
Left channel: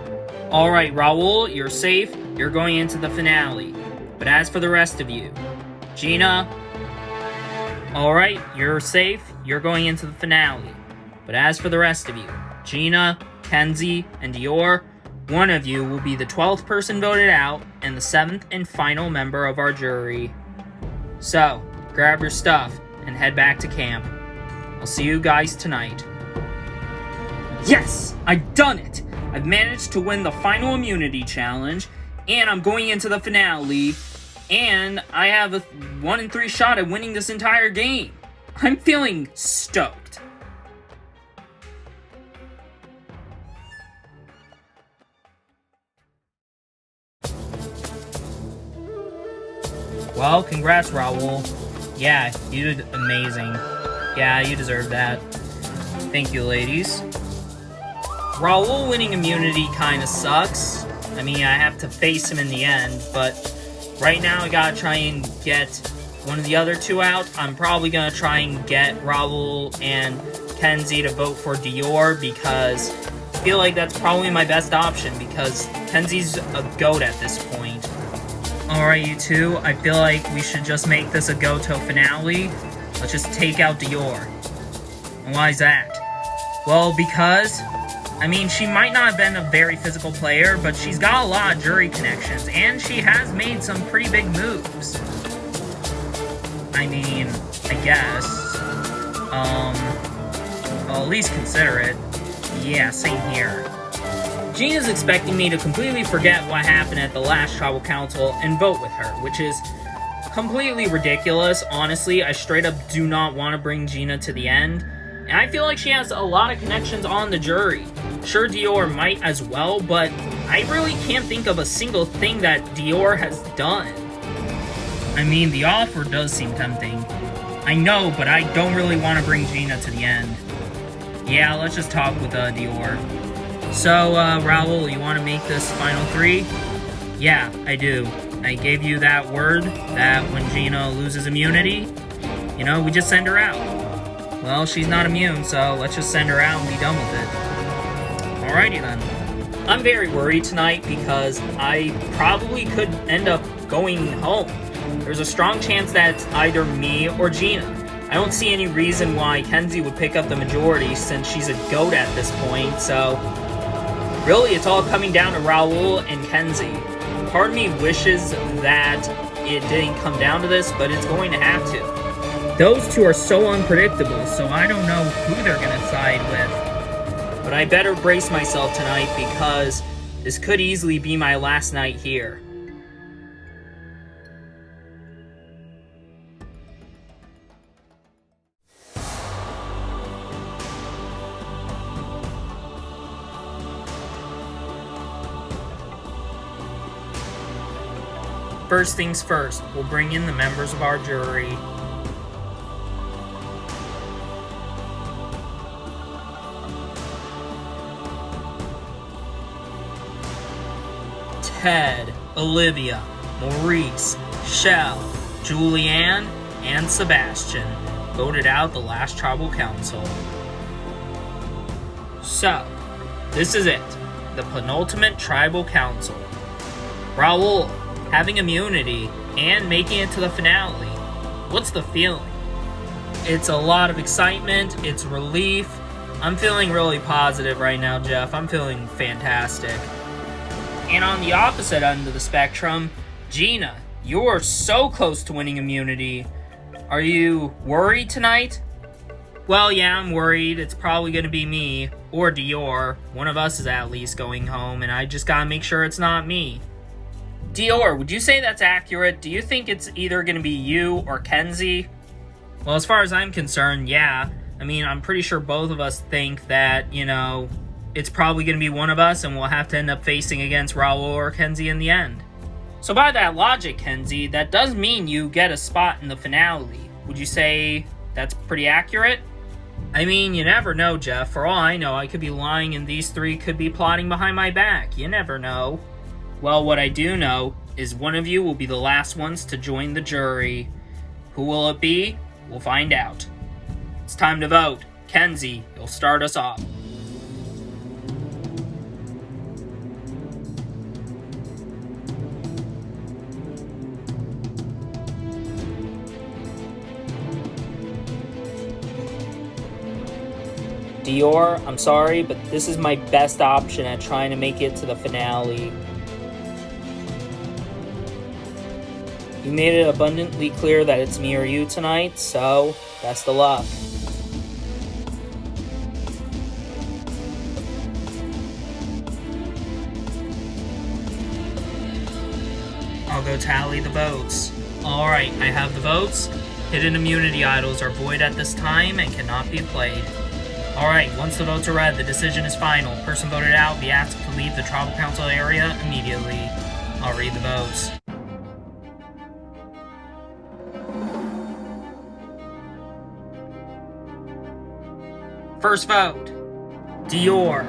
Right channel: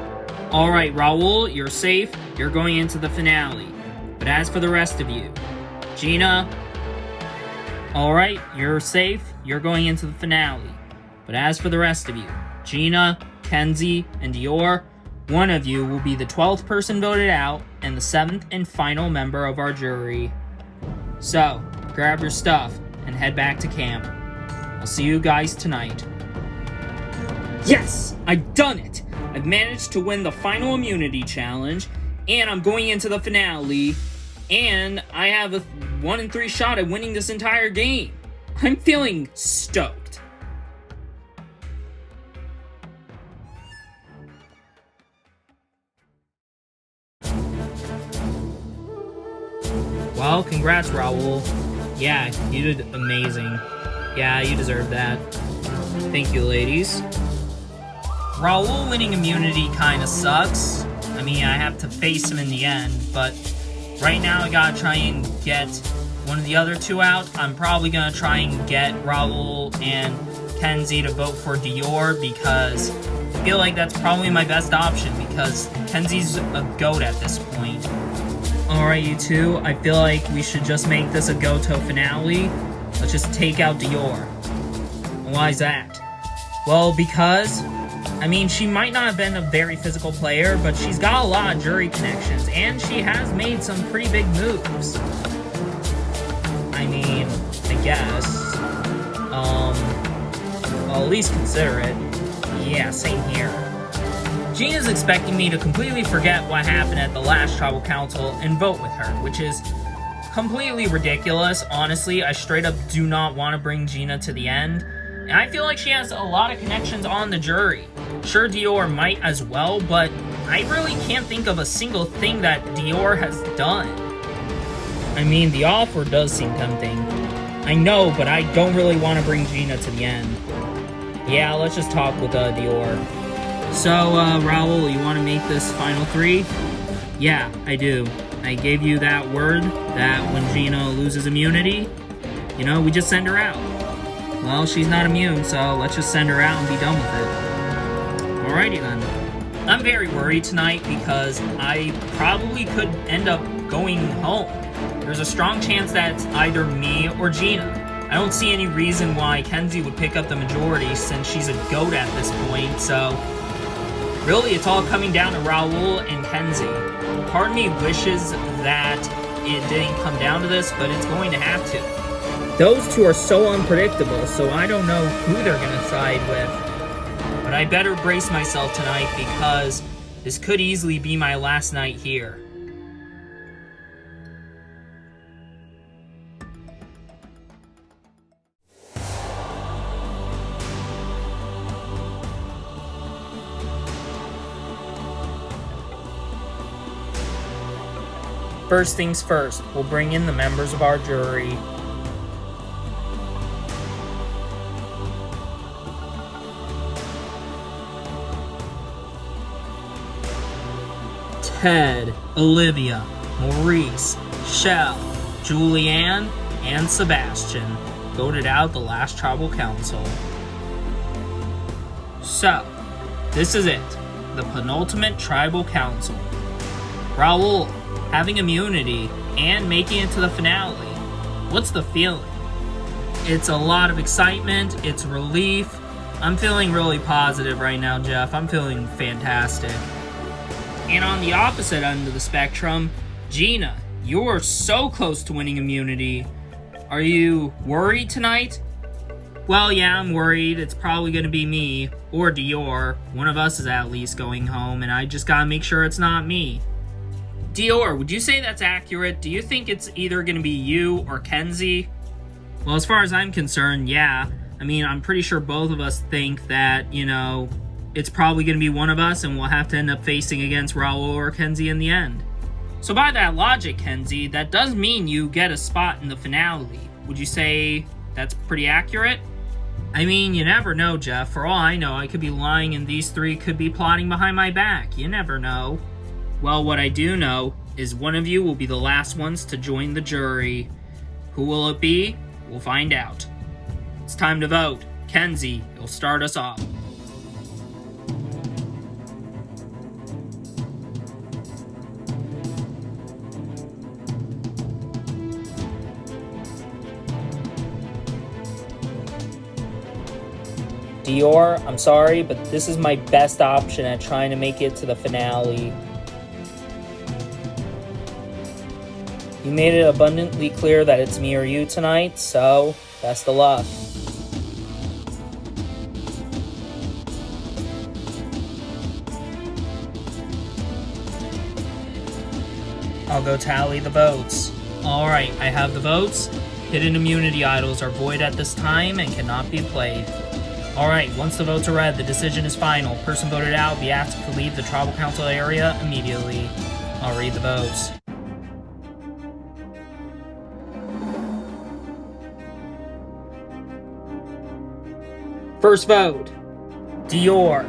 Alright, Raul, you're safe. You're going into the finale. But as for the rest of you, Gina, alright, you're safe. You're going into the finale. But as for the rest of you, Gina, Kenzie, and Dior, one of you will be the 12th person voted out and the 7th and final member of our jury. So, grab your stuff and head back to camp. I'll see you guys tonight. Yes! I've done it! I've managed to win the final immunity challenge, and I'm going into the finale, and I have a 1 in 3 shot at winning this entire game. I'm feeling stoked. Well, congrats, Raul. Yeah, you did amazing. Yeah, you deserve that. Thank you, ladies. Raul winning immunity kinda sucks. I mean, I have to face him in the end, but right now I gotta try and get one of the other two out. I'm probably gonna try and get Raul and Kenzie to vote for Dior because I feel like that's probably my best option because Kenzie's a goat at this point. Alright, you two, I feel like we should just make this a Goto finale. Let's just take out Dior. And why is that? Well, because, I mean, she might not have been a very physical player, but she's got a lot of jury connections, and she has made some pretty big moves. I mean, I guess. Well, at least consider it. Yeah, same here. Gina's expecting me to completely forget what happened at the last tribal council and vote with her, which is completely ridiculous. Honestly, I straight up do not want to bring Gina to the end. And I feel like she has a lot of connections on the jury. Sure, Dior might as well, but I really can't think of a single thing that Dior has done. I mean, the offer does seem tempting. I know, but I don't really want to bring Gina to the end. Yeah, let's just talk with Dior. So, Raul, you want to make this final 3? Yeah, I do. I gave you that word that when Gina loses immunity, you know, we just send her out. Well, she's not immune, so let's just send her out and be done with it. Alrighty then. I'm very worried tonight because I probably could end up going home. There's a strong chance that it's either me or Gina. I don't see any reason why Kenzie would pick up the majority since she's a goat at this point, so really it's all coming down to Raul and Kenzie. Part of me wishes that it didn't come down to this, but it's going to have to. Those two are so unpredictable, so I don't know who they're going to side with. But I better brace myself tonight because this could easily be my last night here. First things first, we'll bring in the members of our jury. Ted, Olivia, Maurice, Shell, Julianne, and Sebastian voted out the last tribal council. So, this is it, the penultimate tribal council. Raul, having immunity and making it to the finale, what's the feeling? It's a lot of excitement, it's relief. I'm feeling really positive right now, Jeff. I'm feeling fantastic. And on the opposite end of the spectrum, Gina, you're so close to winning immunity. Are you worried tonight? Well, yeah, I'm worried. It's probably going to be me or Dior. One of us is at least going home, and I just gotta make sure it's not me. Dior, would you say that's accurate? Do you think it's either going to be you or Kenzie? Well, as far as I'm concerned, yeah. I mean, I'm pretty sure both of us think that, it's probably going to be one of us, and we'll have to end up facing against Raul or Kenzie in the end. So by that logic, Kenzie, that does mean you get a spot in the finale. Would you say that's pretty accurate? I mean, you never know, Jeff. For all I know, I could be lying and these three could be plotting behind my back. You never know. Well, what I do know is one of you will be the last ones to join the jury. Who will it be? We'll find out. It's time to vote. Kenzie, you'll start us off. Dior, I'm sorry, but this is my best option at trying to make it to the finale. You made it abundantly clear that it's me or you tonight, so best of luck. I'll go tally the votes. Alright, I have the votes. Hidden immunity idols are void at this time and cannot be played. Alright, once the votes are read, the decision is final. Person voted out will be asked to leave the tribal council area immediately. I'll read the votes. First vote, Dior.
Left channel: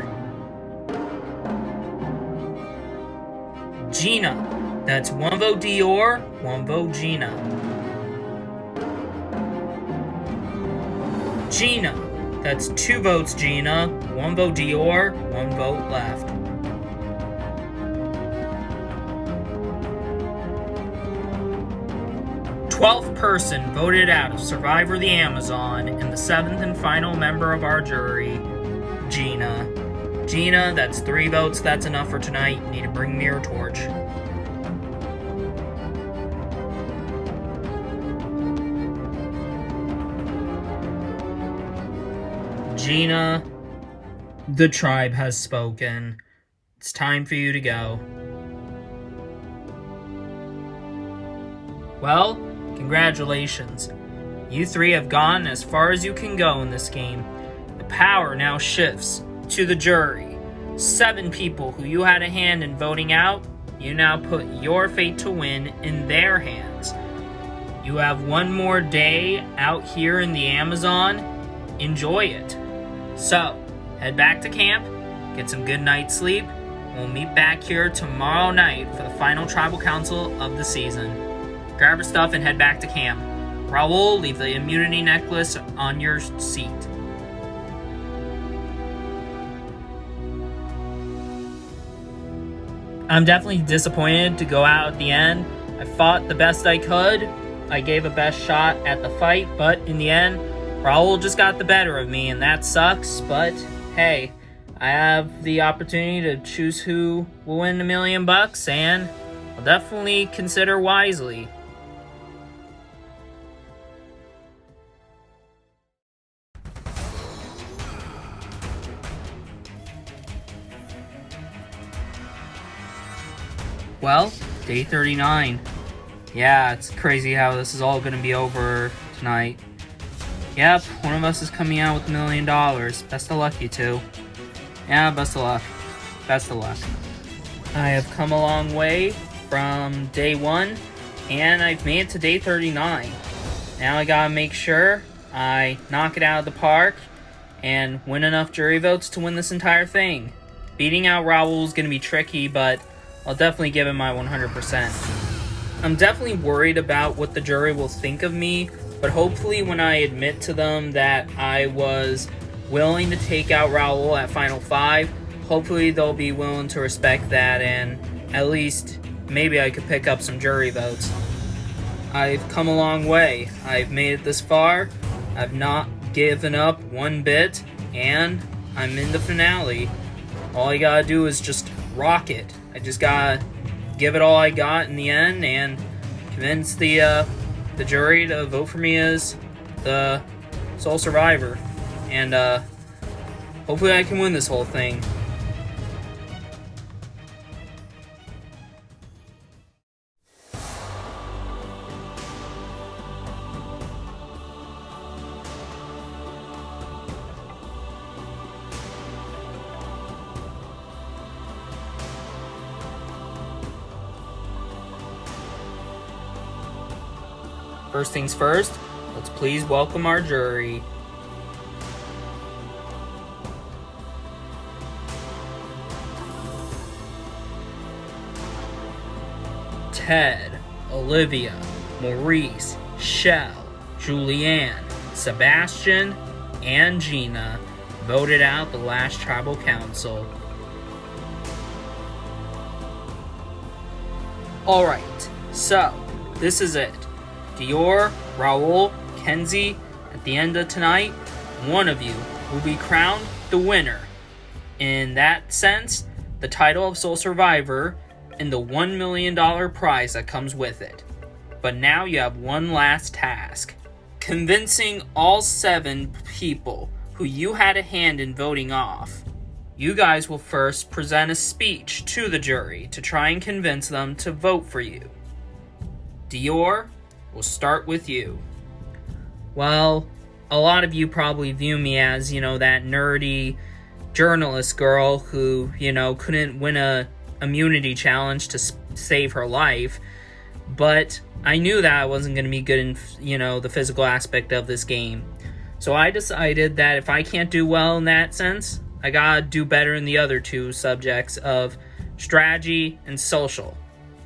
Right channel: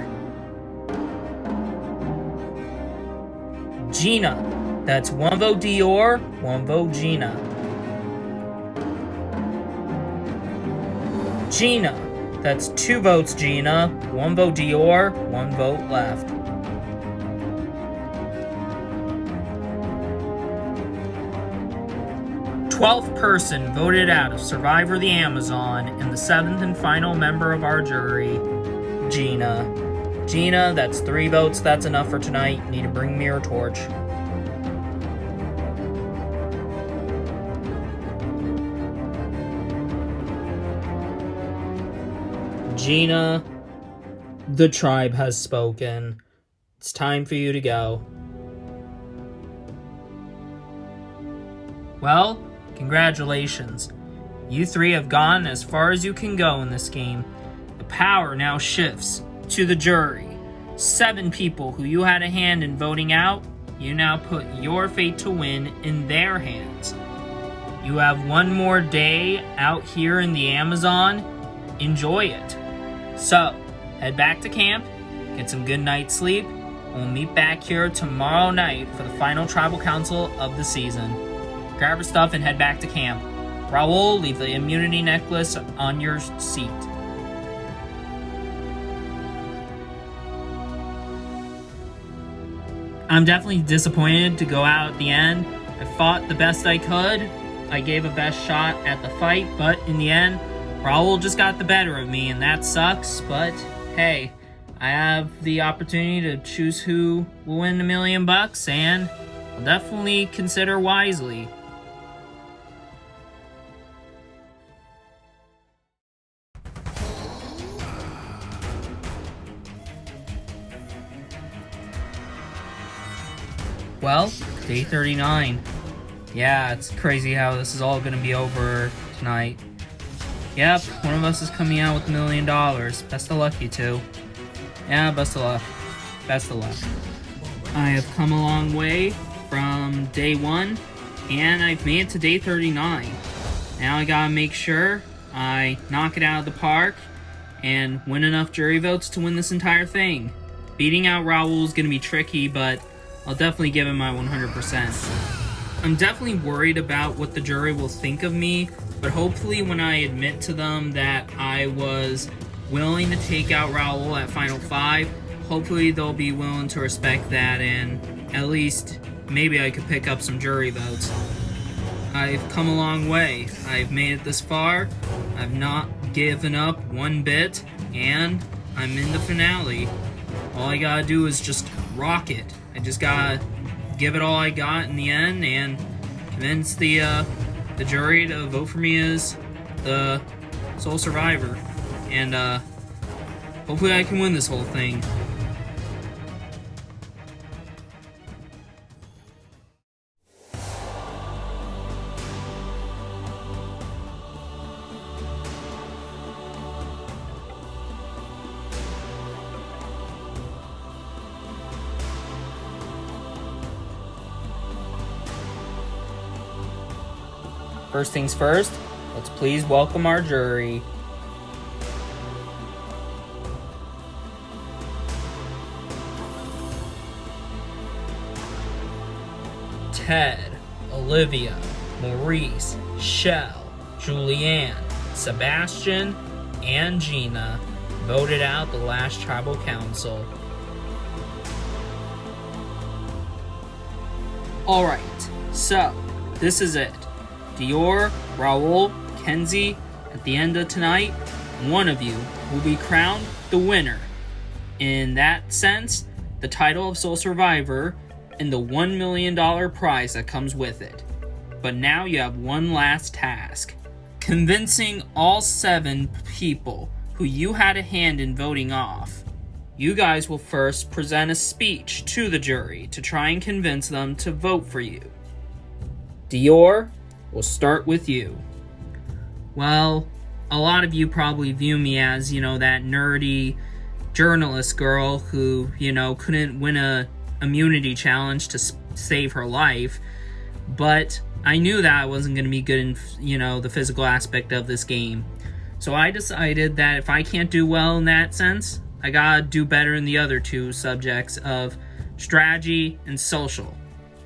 Gina, that's one vote Dior, one vote Gina. Gina, that's 2 votes Gina, 1 vote Dior, 1 vote left. Twelfth person voted out of Survivor the Amazon, and the 7th and final member of our jury, Gina. Gina, that's 3 votes, that's enough for tonight. You need to bring me your torch. Gina, the tribe has spoken. It's time for you to go. Well, congratulations. You 3 have gone as far as you can go in this game. The power now shifts to the jury. 7 people who you had a hand in voting out, you now put your fate to win in their hands. You have 1 more day out here in the Amazon. Enjoy it. So, head back to camp, get some good night's sleep, and we'll meet back here tomorrow night for the final tribal council of the season. Grab your stuff and head back to camp. Raul, leave the immunity necklace on your seat. I'm definitely disappointed to go out at the end. I fought the best I could. I gave a best shot at the fight, but in the end, Raul just got the better of me, and that sucks, but hey, I have the opportunity to choose who will win $1 million, and I'll definitely consider wisely. Well, day 39. Yeah, it's crazy how this is all going to be over tonight. Yep, one of us is coming out with $1 million. Best of luck, you two. Yeah, best of luck. Best of luck. I have come a long way from day 1, and I've made it to day 39. Now I gotta make sure I knock it out of the park and win enough jury votes to win this entire thing. Beating out Raul is gonna be tricky, but I'll definitely give him my 100%. I'm definitely worried about what the jury will think of me, but hopefully when I admit to them that I was willing to take out Raul at Final 5, hopefully they'll be willing to respect that, and at least maybe I could pick up some jury votes. I've come a long way. I've made it this far. I've not given up one bit, and I'm in the finale. All I gotta do is just rock it. I just gotta give it all I got in the end and convince the jury to vote for me as the sole survivor. And hopefully I can win this whole thing. First things first, let's please welcome our jury. Ted, Olivia, Maurice, Shell, Julianne, Sebastian, and Gina voted out the last tribal council. Alright, so this is it. Dior, Raul, Kenzie, at the end of tonight, one of you will be crowned the winner. In that sense, the title of Sole Survivor and the $1 million prize that comes with it. But now you have one last task. Convincing all 7 people who you had a hand in voting off. You guys will first present a speech to the jury to try and convince them to vote for you. Dior, we'll start with you. Well, a lot of you probably view me as, that nerdy journalist girl who, couldn't win a immunity challenge to save her life. But I knew that I wasn't going to be good in, the physical aspect of this game. So I decided that if I can't do well in that sense, I gotta do better in the other 2 subjects of strategy and social.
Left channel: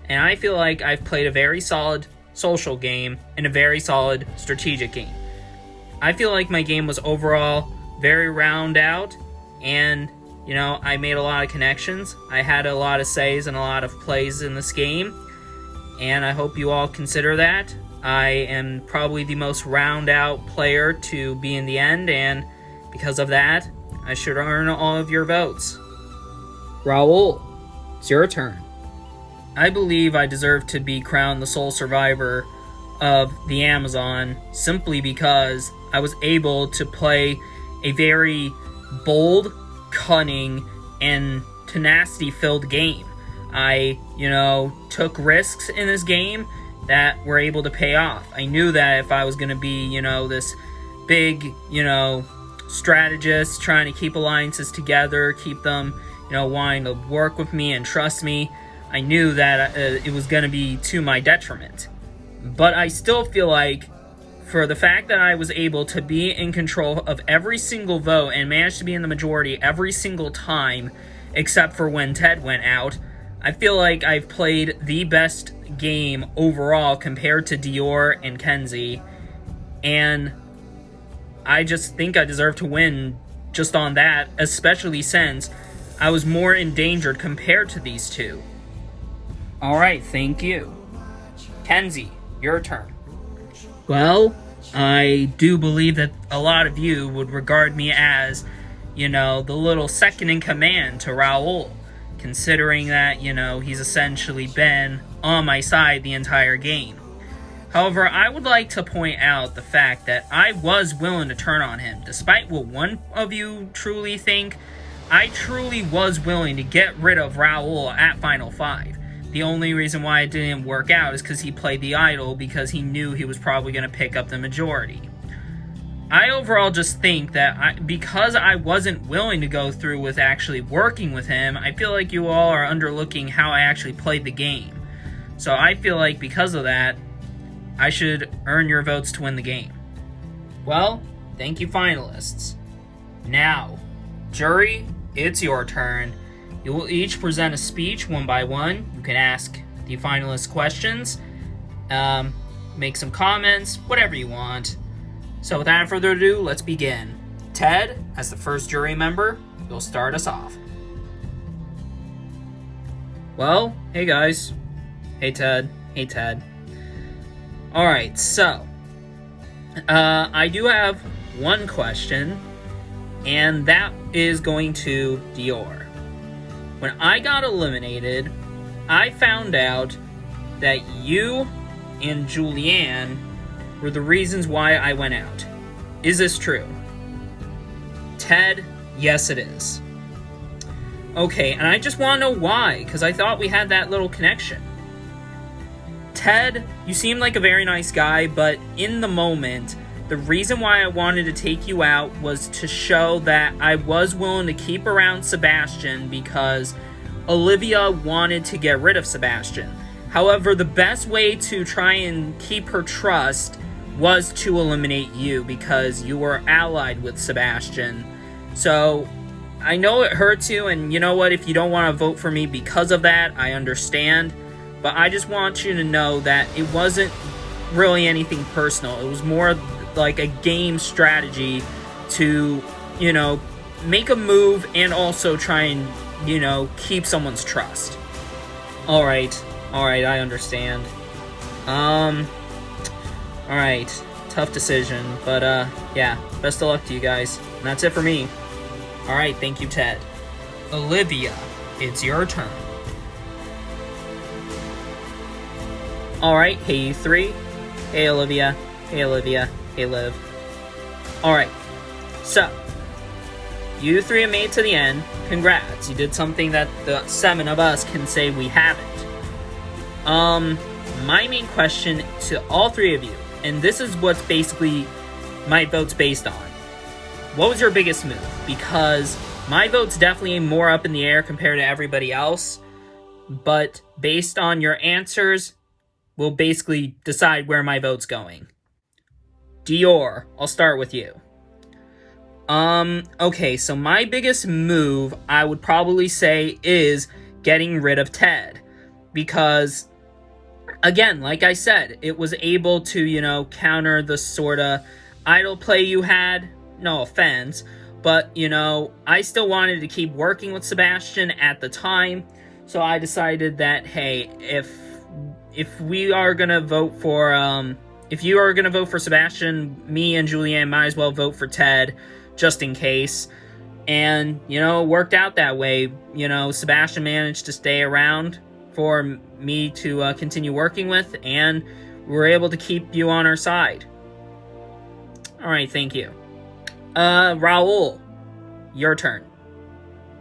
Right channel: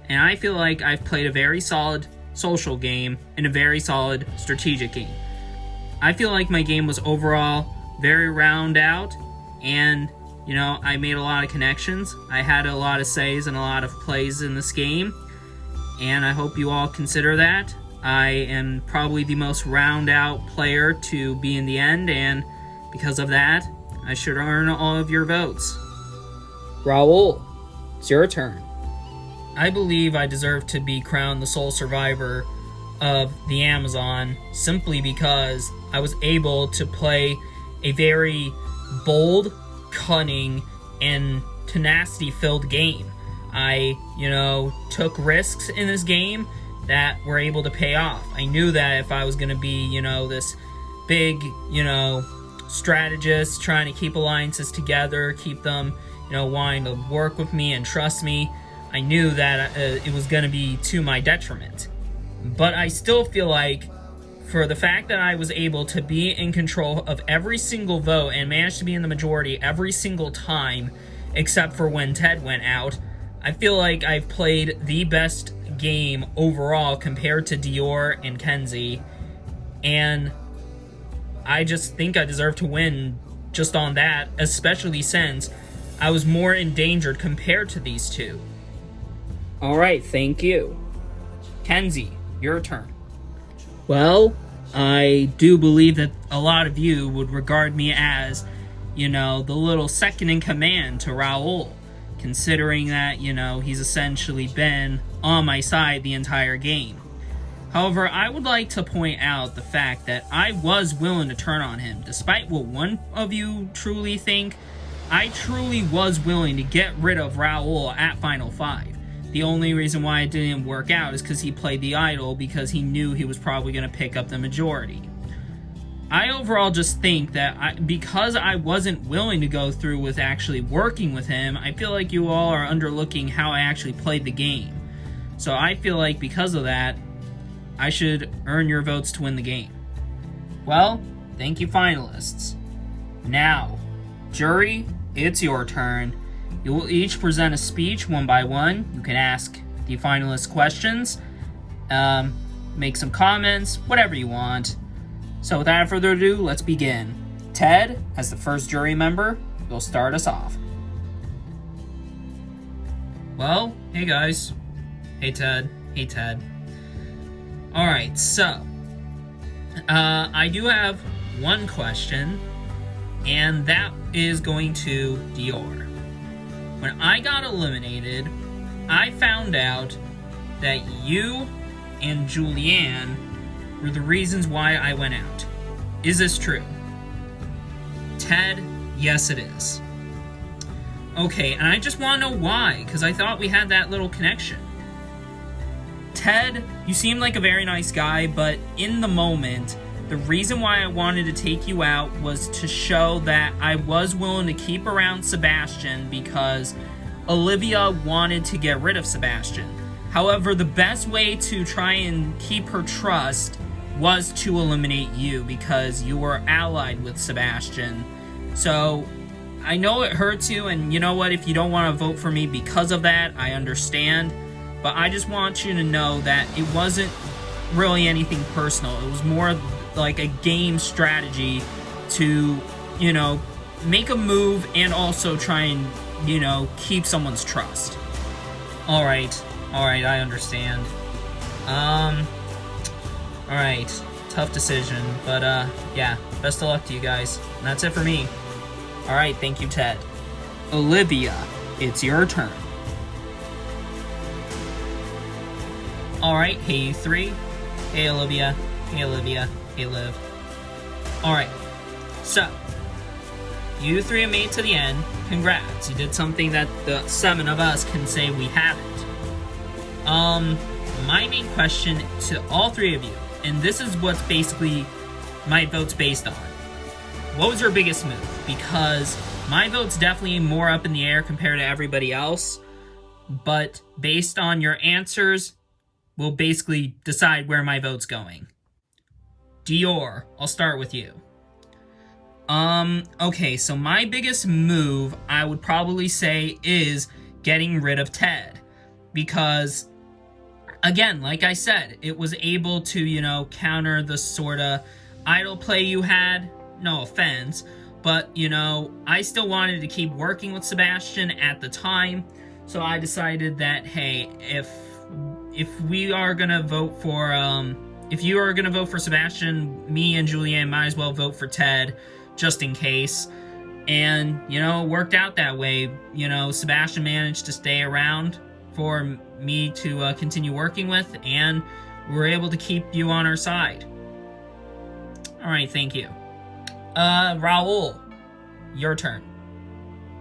And I feel like I've played a very solid social game and a very solid strategic game. I feel like my game was overall very round out, and I made a lot of connections. I had a lot of says and a lot of plays in this game, and I hope you all consider that. I am probably the most round out player to be in the end, and because of that, I should earn all of your votes. Raul, it's your turn. I believe I deserve to be crowned the sole survivor of the Amazon simply because I was able to play a very bold, cunning, and tenacity-filled game. I, took risks in this game that were able to pay off. I knew that if I was going to be, this big, strategist trying to keep alliances together, keep them, wanting to work with me and trust me, I knew that it was going to be to my detriment. But I still feel like, for the fact that I was able to be in control of every single vote and managed to be in the majority every single time, except for when Ted went out, I feel like I've played the best game overall compared to Dior and Kenzie. And I just think I deserve to win just on that, especially since I was more endangered compared to these 2. Alright, thank you. Kenzie, your turn. Well, I do believe that a lot of you would regard me as, the little second in command to Raul, considering that, he's essentially been on my side the entire game. However, I would like to point out the fact that I was willing to turn on him. Despite what one of you truly think, I truly was willing to get rid of Raul at Final 5. The only reason why it didn't work out is because he played the idol because he knew he was probably going to pick up the majority. I overall just think that because I wasn't willing to go through with actually working with him, I feel like you all are underlooking how I actually played the game. So I feel like because of that, I should earn your votes to win the game. Well, thank you, finalists. Now, jury, it's your turn. You will each present a speech one by one. You can ask the finalists questions. make some comments, whatever you want. So without further ado, let's begin. Ted, as the first jury member, you'll start us off. Well, hey guys. Hey Ted. Hey Ted. Alright, so I do have one question, and that is going to Dior. When I got eliminated, I found out that you and Julianne were the reasons why I went out. Is this true? Ted, yes it is. Okay, and I just want to know why, because I thought we had that little connection. Ted, you seem like a very nice guy, but in the moment, the reason why I wanted to take you out was to show that I was willing to keep around Sebastian because Olivia wanted to get rid of Sebastian. However, the best way to try and keep her trust was to eliminate you because you were allied with Sebastian. So, I know it hurts you, and you know what, if you don't want to vote for me because of that, I understand. But I just want you to know that it wasn't really anything personal. It was more like a game strategy to, make a move and also try and, keep someone's trust. Alright, I understand. Alright, tough decision, but yeah, best of luck to you guys. And that's it for me. Alright, thank you, Ted. Olivia, it's your turn. Alright, hey you three. Hey Olivia. Hey Olivia. Hey Liv. Alright, so, you three have made it to the end. Congrats, you did something that the 7 of us can say we haven't. My main question to all 3 of you, and this is what's basically my vote's based on. What was your biggest move? Because my vote's definitely more up in the air compared to everybody else, but based on your answers, we'll basically decide where my vote's going. Dior, I'll start with you. Okay, so my biggest move, I would probably say, is getting rid of Ted. Because, again, like I said, it was able to, counter the sorta idle play you had. No offense, but, I still wanted to keep working with Sebastian at the time. So I decided that, hey, if we are gonna vote for, if you are gonna vote for Sebastian, me and Julianne might as well vote for Ted, just in case. And, it worked out that way. Sebastian managed to stay around for me to continue working with, and we were able to keep you on our side. Alright, thank you. Raul, your turn.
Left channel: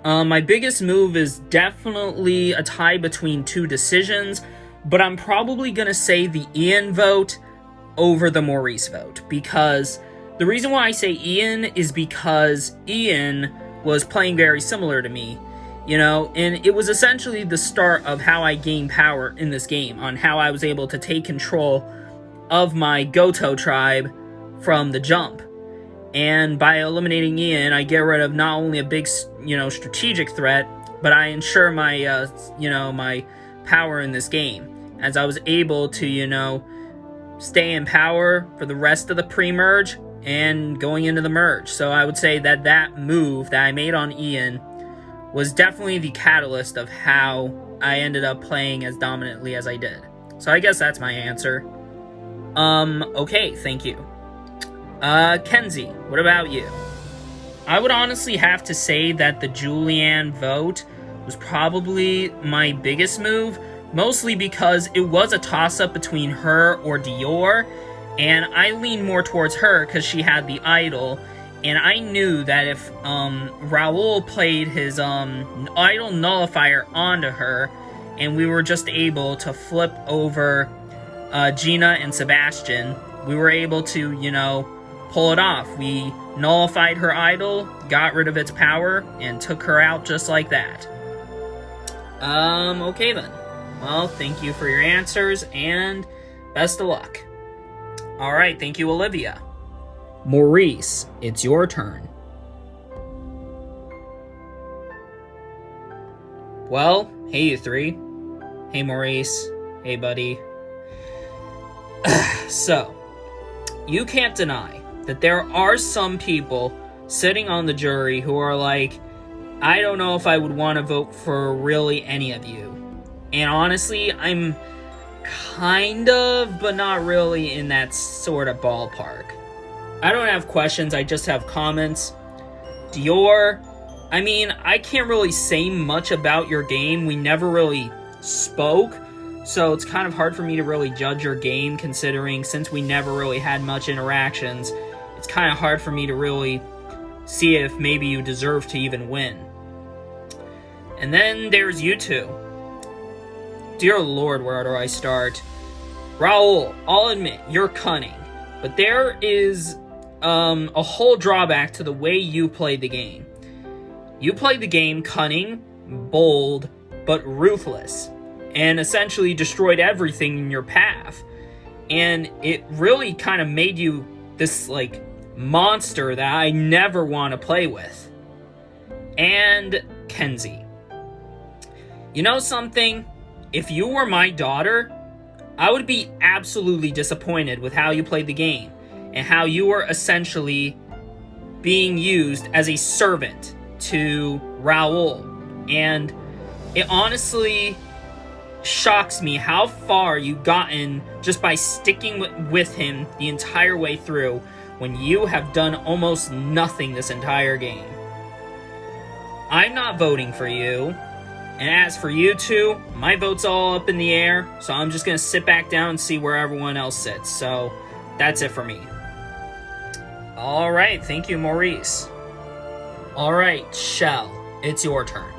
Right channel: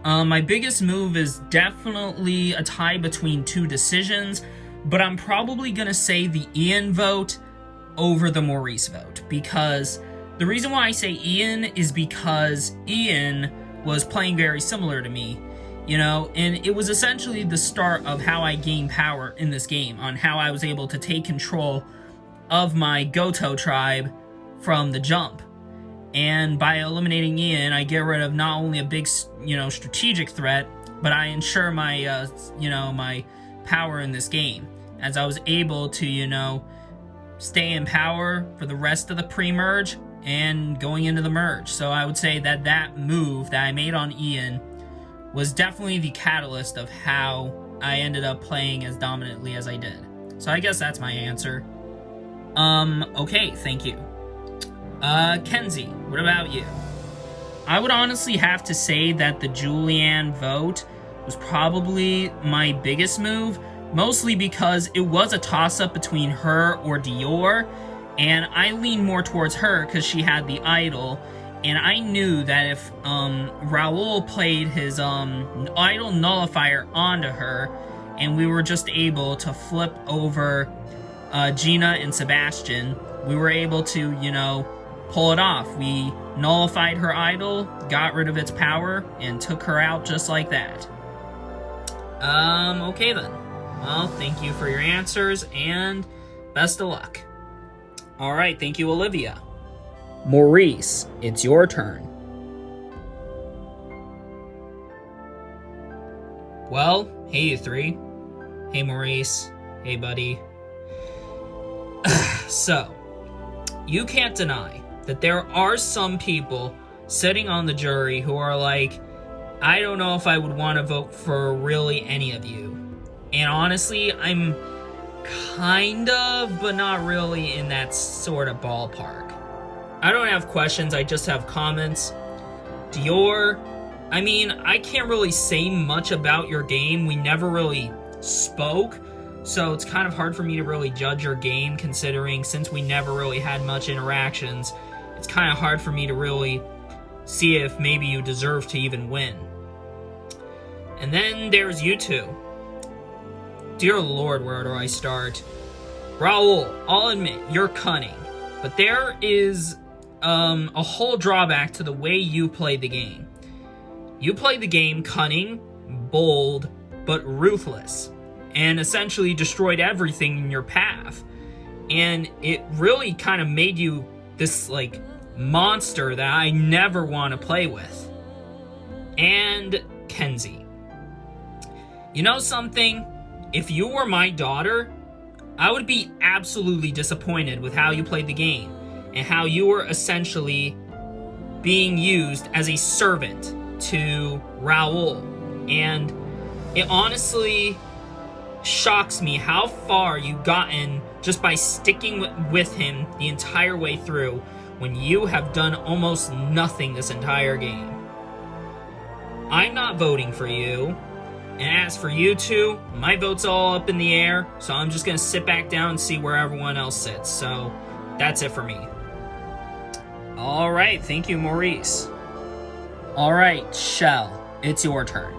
My biggest move is definitely a tie between 2 decisions, but I'm probably gonna say the Ian vote over the Maurice vote, because the reason why I say Ian is because Ian was playing very similar to me, and it was essentially the start of how I gained power in this game, on how I was able to take control of my Goto tribe from the jump. And by eliminating Ian, I get rid of not only a big, strategic threat, but I ensure my, my power in this game, as I was able to, stay in power for the rest of the pre-merge and going into the merge. So I would say that that move that I made on Ian was definitely the catalyst of how I ended up playing as dominantly as I did. So I guess that's my answer. Okay, thank you. Kenzie, what about you? I would honestly have to say that the Julianne vote was probably my biggest move, mostly because it was a toss-up between her or Dior, and I leaned more towards her because she had the idol, and I knew that if Raul played his idol nullifier onto her, and we were just able to flip over Gina and Sebastian, we were able to, pull it off. We nullified her idol, got rid of its power, and took her out just like that. Okay then. Well, thank you for your answers, and best of luck. Alright, thank you, Olivia. Maurice, it's your turn. Well, hey you three. Hey Maurice. Hey buddy. So, you can't deny that there are some people sitting on the jury who are like, I don't know if I would want to vote for really any of you. And honestly, I'm kind of, but not really in that sort of ballpark. I don't have questions, I just have comments. Dior, I mean, I can't really say much about your game. We never really spoke, so it's kind of hard for me to really judge your game, considering since we never really had much interactions, it's kind of hard for me to really see if maybe you deserve to even win. And then there's you two. Dear Lord, where do I start? Raul, I'll admit, you're cunning, but there is a whole drawback to the way you play the game. You play the game cunning, bold, but ruthless, and essentially destroyed everything in your path. And it really kind of made you this, like, monster that I never want to play with. And Kenzie. You know something? If you were my daughter, I would be absolutely disappointed with how you played the game and how you were essentially being used as a servant to Raul. And it honestly shocks me how far you've gotten just by sticking with him the entire way through when you have done almost nothing this entire game. I'm not voting for you. And as for you two, my vote's all up in the air, so I'm just gonna sit back down and see where everyone else sits. So, that's it for me. Alright, thank you, Maurice. Alright, Shell, it's your turn.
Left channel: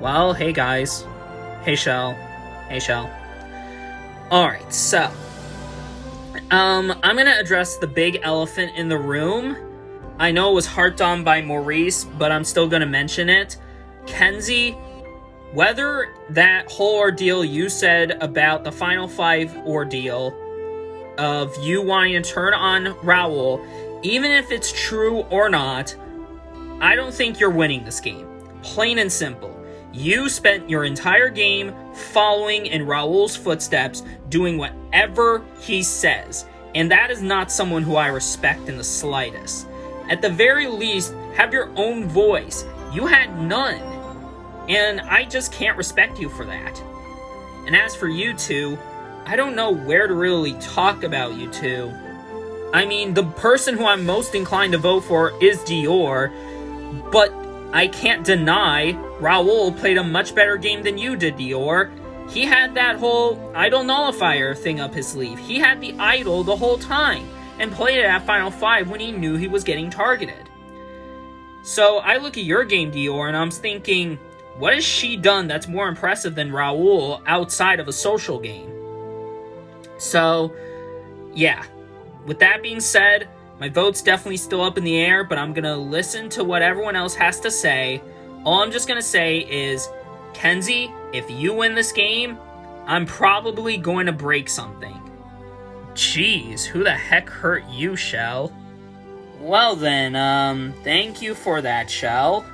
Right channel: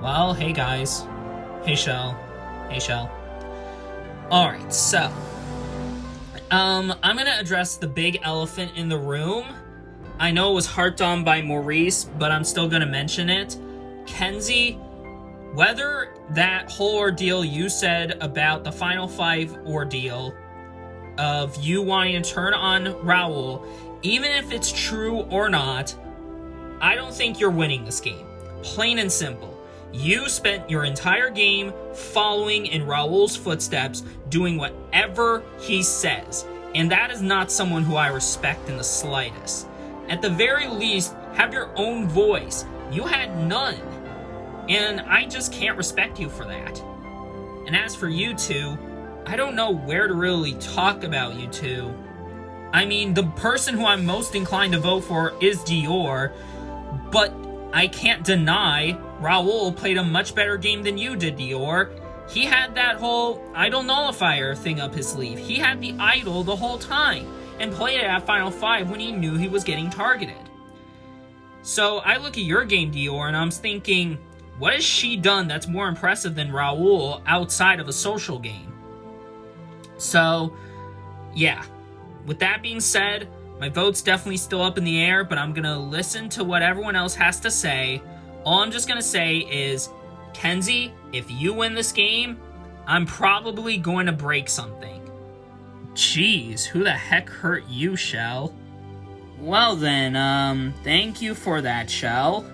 Well, hey guys. Hey Shell. Hey Shell. Alright, so I'm gonna address the big elephant in the room. I know it was harped on by Maurice, but I'm still gonna mention it. Kenzie, whether that whole ordeal you said about the Final Five ordeal of you wanting to turn on Raul, even if it's true or not, I don't think you're winning this game. Plain and simple. You spent your entire game following in Raul's footsteps, doing whatever he says, and that is not someone who I respect in the slightest. At the very least, have your own voice. You had none. And I just can't respect you for that. And as for you two, I don't know where to really talk about you two. I mean, the person who I'm most inclined to vote for is Dior, but I can't deny Raul played a much better game than you did, Dior. He had that whole idol nullifier thing up his sleeve. He had the idol the whole time and played it at Final Five when he knew he was getting targeted. So I look at your game, Dior, and I'm thinking, what has she done that's more impressive than Raul outside of a social game? So, yeah. With that being said, my vote's definitely still up in the air, but I'm gonna listen to what everyone else has to say. All I'm just gonna say is, Kenzie, if you win this game, I'm probably going to break something. Jeez, who the heck hurt you, Shell? Well then, thank you for that, Shell.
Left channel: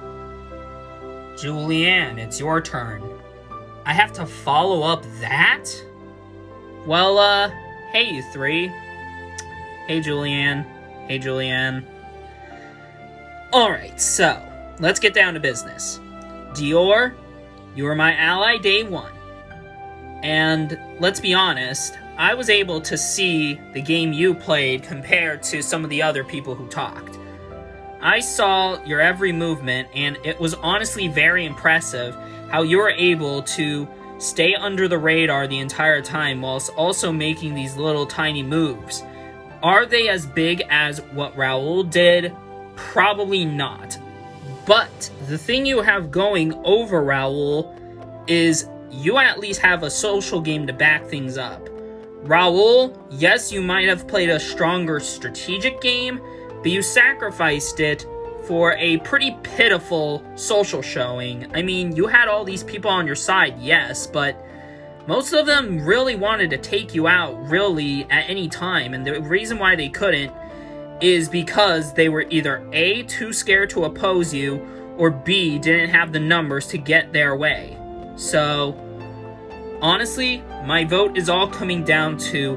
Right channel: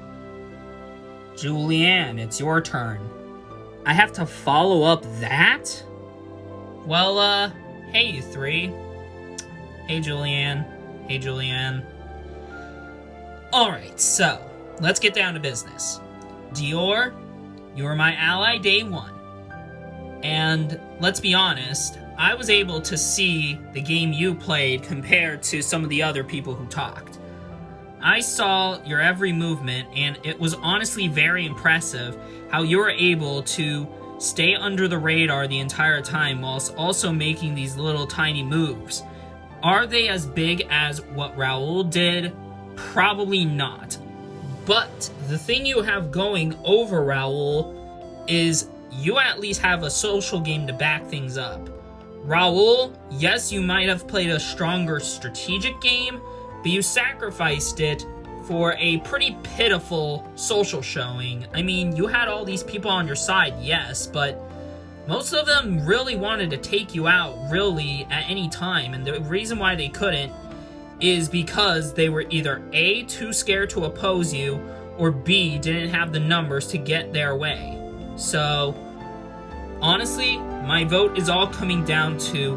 Julianne, it's your turn. I have to follow up that? Well, hey you three. Hey Julianne. Hey Julianne. Alright, so, let's get down to business. Dior, you were my ally day one. And, let's be honest, I was able to see the game you played compared to some of the other people who talked. I saw your every movement, and it was honestly very impressive how you were able to stay under the radar the entire time whilst also making these little tiny moves. Are they as big as what Raul did? Probably not. But the thing you have going over Raul is you at least have a social game to back things up. Raul, yes, you might have played a stronger strategic game, but you sacrificed it for a pretty pitiful social showing. I mean, you had all these people on your side, yes, but most of them really wanted to take you out, really, at any time, and the reason why they couldn't is because they were either A, too scared to oppose you, or B, didn't have the numbers to get their way. So, honestly, my vote is all coming down to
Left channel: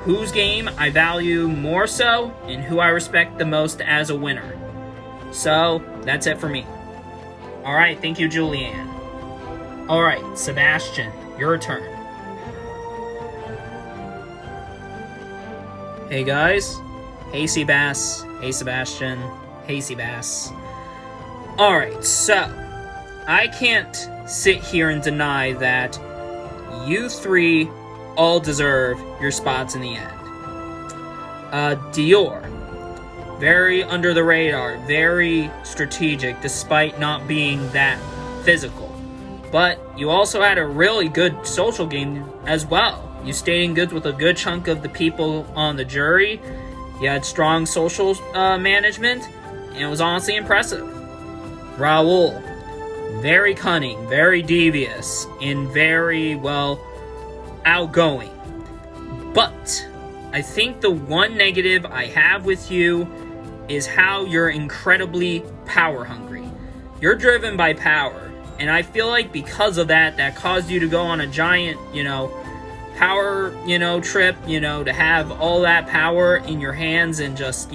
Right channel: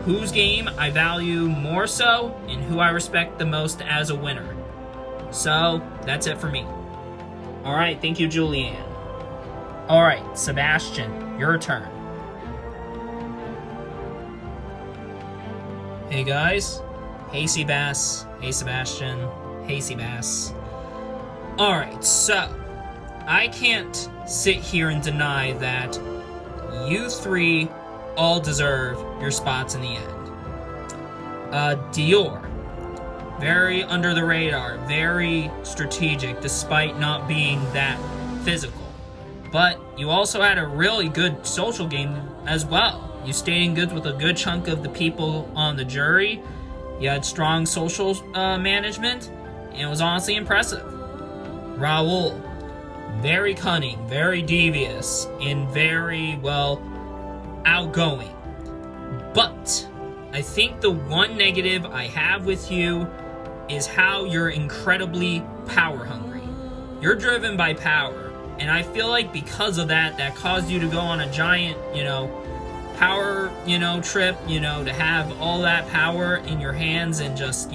whose game I value more so and who I respect the most as a winner. So, that's it for me. Alright, thank you, Julianne. Alright, Sebastian, your turn. Hey guys. Hey Seabass. Hey Sebastian. Hey Seabass. Alright, so I can't sit here and deny that you three all deserve your spots in the end. Dior, very under the radar, very strategic despite not being that physical. But you also had a really good social game as well. You stayed in good with a good chunk of the people on the jury. You had strong social management, and it was honestly impressive. Raul, very cunning, very devious, and very, well, outgoing. But I think the one negative I have with you is how you're incredibly power hungry. You're driven by power, and I feel like because of that, that caused you to go on a giant, power, trip, to have all that power in your hands and just,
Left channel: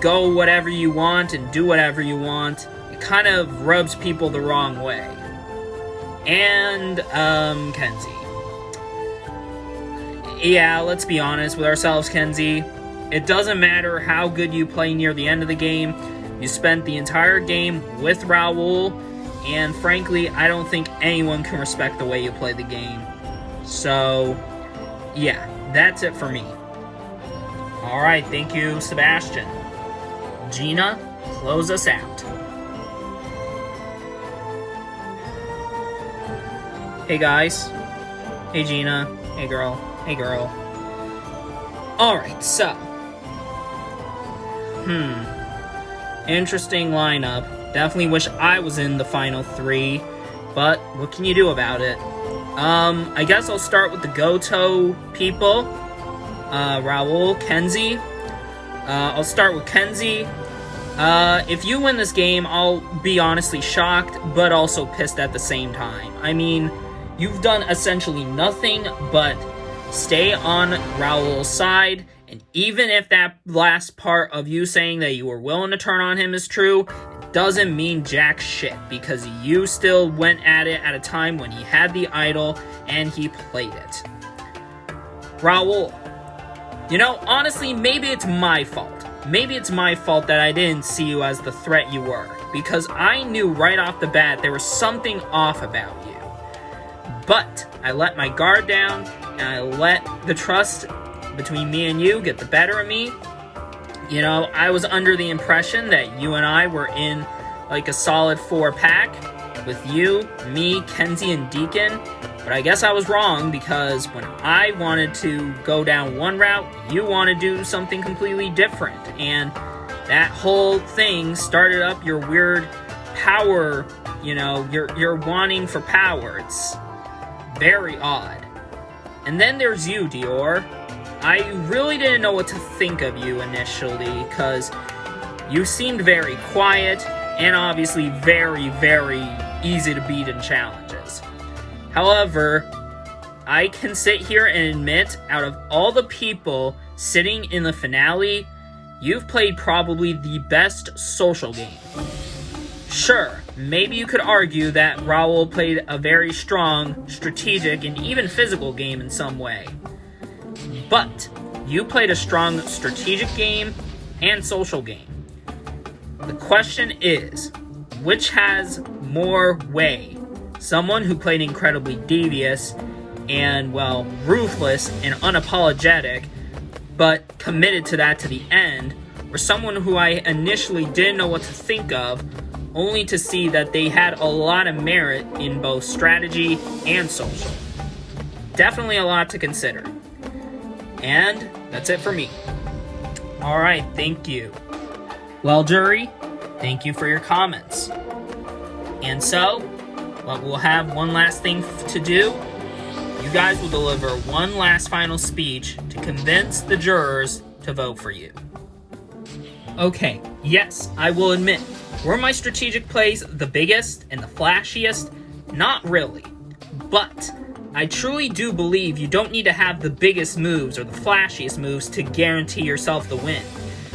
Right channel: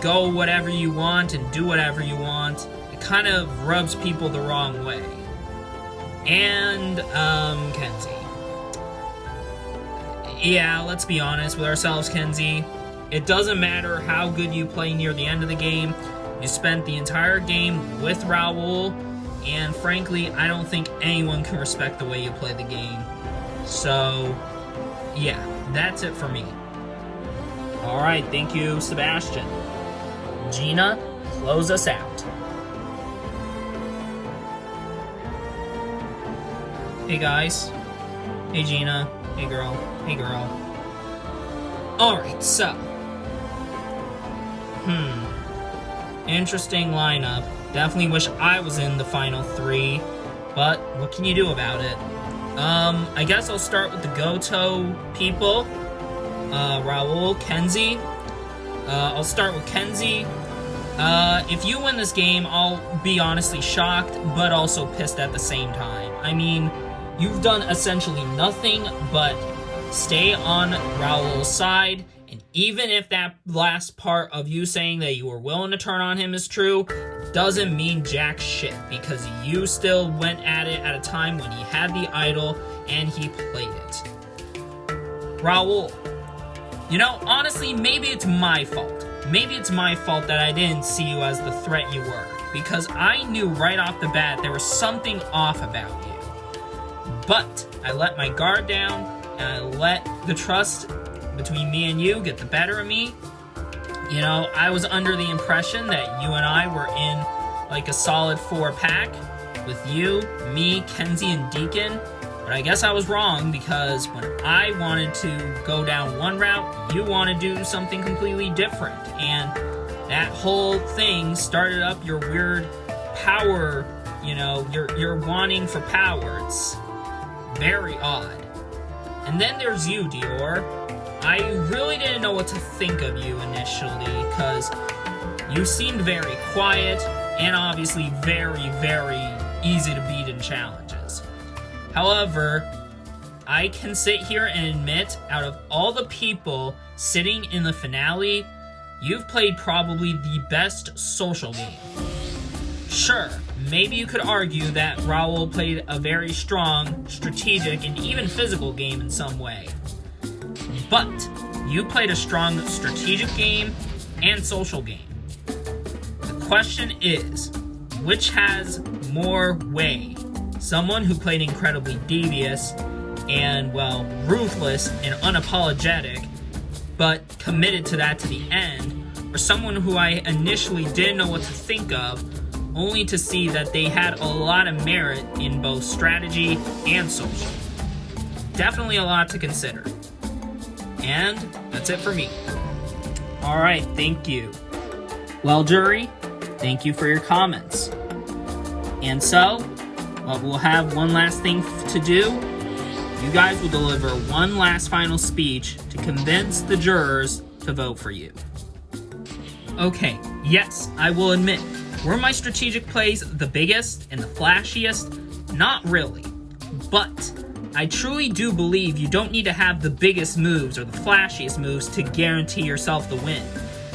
go whatever you want and do whatever you want. It kind of rubs people the wrong way. And, Kenzie. Yeah, let's be honest with ourselves, Kenzie. It doesn't matter how good you play near the end of the game. You spent the entire game with Raul, and frankly, I don't think anyone can respect the way you play the game. So, yeah, that's it for me. Alright, thank you, Sebastian. Gina, close us out. Hey guys. Hey Gina. Hey girl. Hey girl. Alright, so. Interesting lineup. Definitely wish I was in the final three, but what can you do about it? I guess I'll start with the Goto people. Raul, Kenzie. I'll start with Kenzie. If you win this game, I'll be honestly shocked, but also pissed at the same time. I mean, you've done essentially nothing but stay on Raul's side, and even if that last part of you saying that you were willing to turn on him is true, it doesn't mean jack shit, because you still went at it at a time when he had the idol, and he played it. Raul. Honestly, maybe it's my fault. Maybe it's my fault that I didn't see you as the threat you were, because I knew right off the bat there was something off about you. But I let my guard down, and I let the trust between me and you get the better of me. I was under the impression that you and I were in like a solid 4-pack with you, me, Kenzie, and Deacon. But I guess I was wrong, because when I wanted to go down one route, you want to do something completely different. And that whole thing started up your weird power, your wanting for power. It's very odd. And then there's you, Dior. I really didn't know what to think of you initially, because you seemed very quiet, and obviously very, very easy to beat in challenges. However, I can sit here and admit, out of all the people sitting in the finale, you've played probably the best social game. Sure, maybe you could argue that Raul played a very strong, strategic, and even physical game in some way. But you played a strong strategic game and social game. The question is, which has more weight? Someone who played incredibly devious and, well, ruthless and unapologetic, but committed to that to the end, or someone who I initially didn't know what to think of, only to see that they had a lot of merit in both strategy and social. Definitely a lot to consider. And that's it for me. Alright, thank you. Well, jury, thank you for your comments. And so, we'll have one last thing to do. You guys will deliver one last final speech to convince the jurors to vote for you. Okay, yes, I will admit, were my strategic plays the biggest and the flashiest? Not really. But I truly do believe you don't need to have the biggest moves or the flashiest moves to guarantee yourself the win.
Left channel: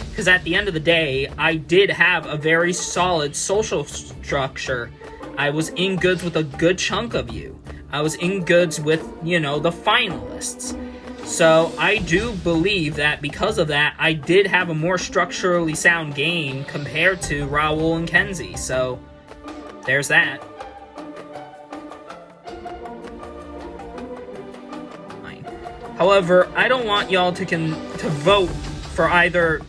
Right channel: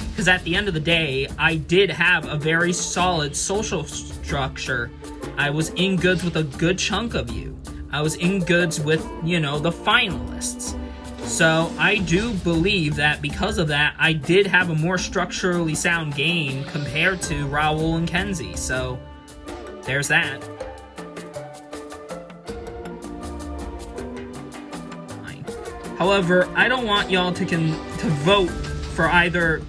Because at the end of the day, I did have a very solid social structure. I was in goods with a good chunk of you. I was in goods with, the finalists. So I do believe that because of that, I did have a more structurally sound game compared to Raul and Kenzie. So there's that. However, I don't want y'all to vote for either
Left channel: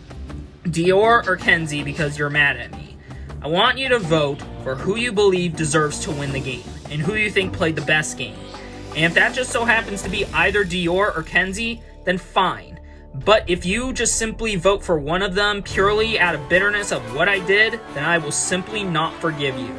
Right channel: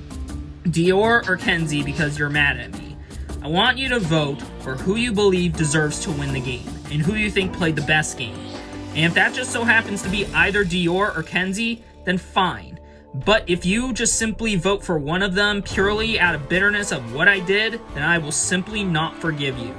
Dior or Kenzie because you're mad at me. I want you to vote for who you believe deserves to win the game and who you think played the best game. And if that just so happens to be either Dior or Kenzie, then fine. But if you just simply vote for one of them purely out of bitterness of what I did, then I will simply not forgive you.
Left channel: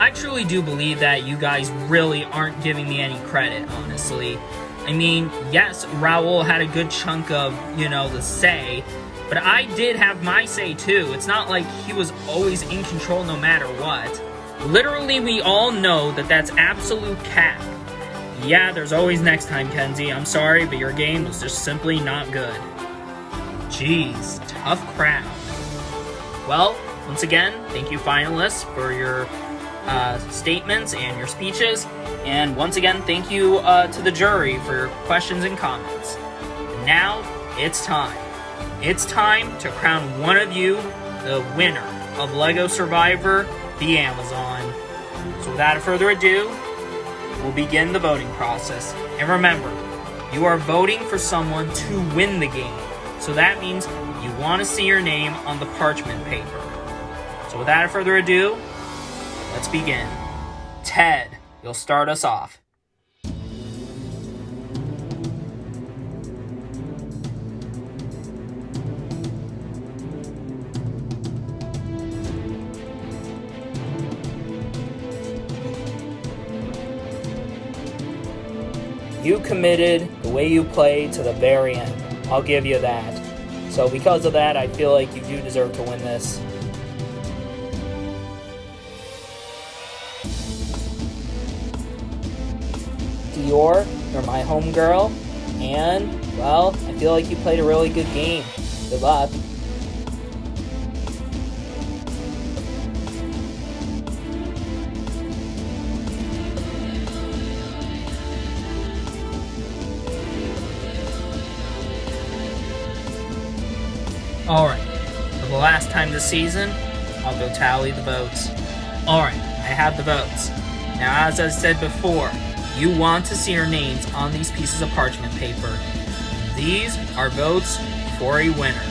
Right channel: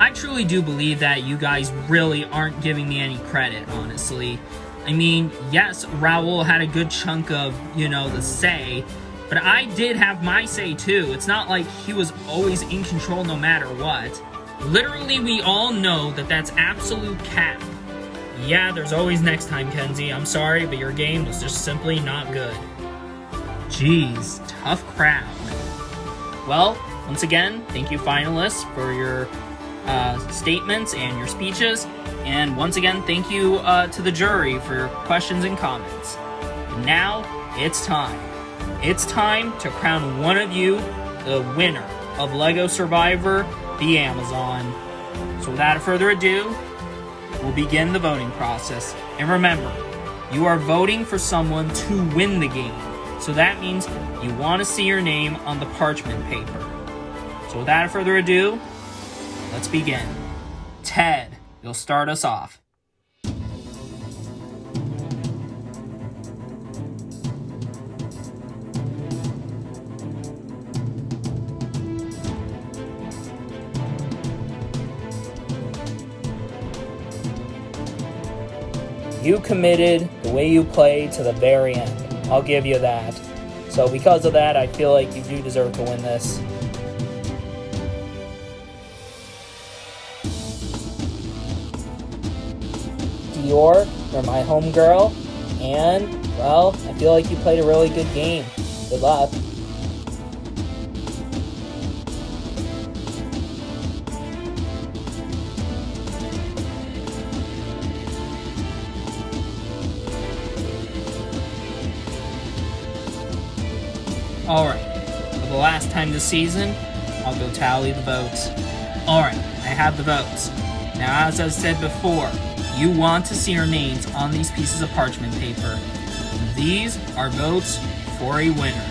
I truly do believe that you guys really aren't giving me any credit, honestly. I mean, yes, Raul had a good chunk of, the say, but I did have my say too. It's not like he was always in control no matter what. Literally, we all know that that's absolute cap. Yeah, there's always next time, Kenzie. I'm sorry, but your game was just simply not good. Jeez, tough crowd. Well, once again, thank you finalists for your statements and your speeches. And once again, thank you to the jury for your questions and comments. And now, it's time. It's time to crown one of you the winner of LEGO Survivor, the Amazon. So without further ado, we'll begin the voting process. And remember, you are voting for someone to win the game. So that means you want to see your name on the parchment paper. So without further ado, let's begin. Ted, you'll start us off. You committed the way you played to the very end. I'll give you that. So because of that, I feel like you do deserve to win this. Dior, you're my homegirl, and, well, I feel like you played a really good game. Good luck. Alright, for the last time this season, I'll go tally the votes. Alright, I have the votes. Now, as I said before, you want to see your names on these pieces of parchment paper. These are votes for a winner.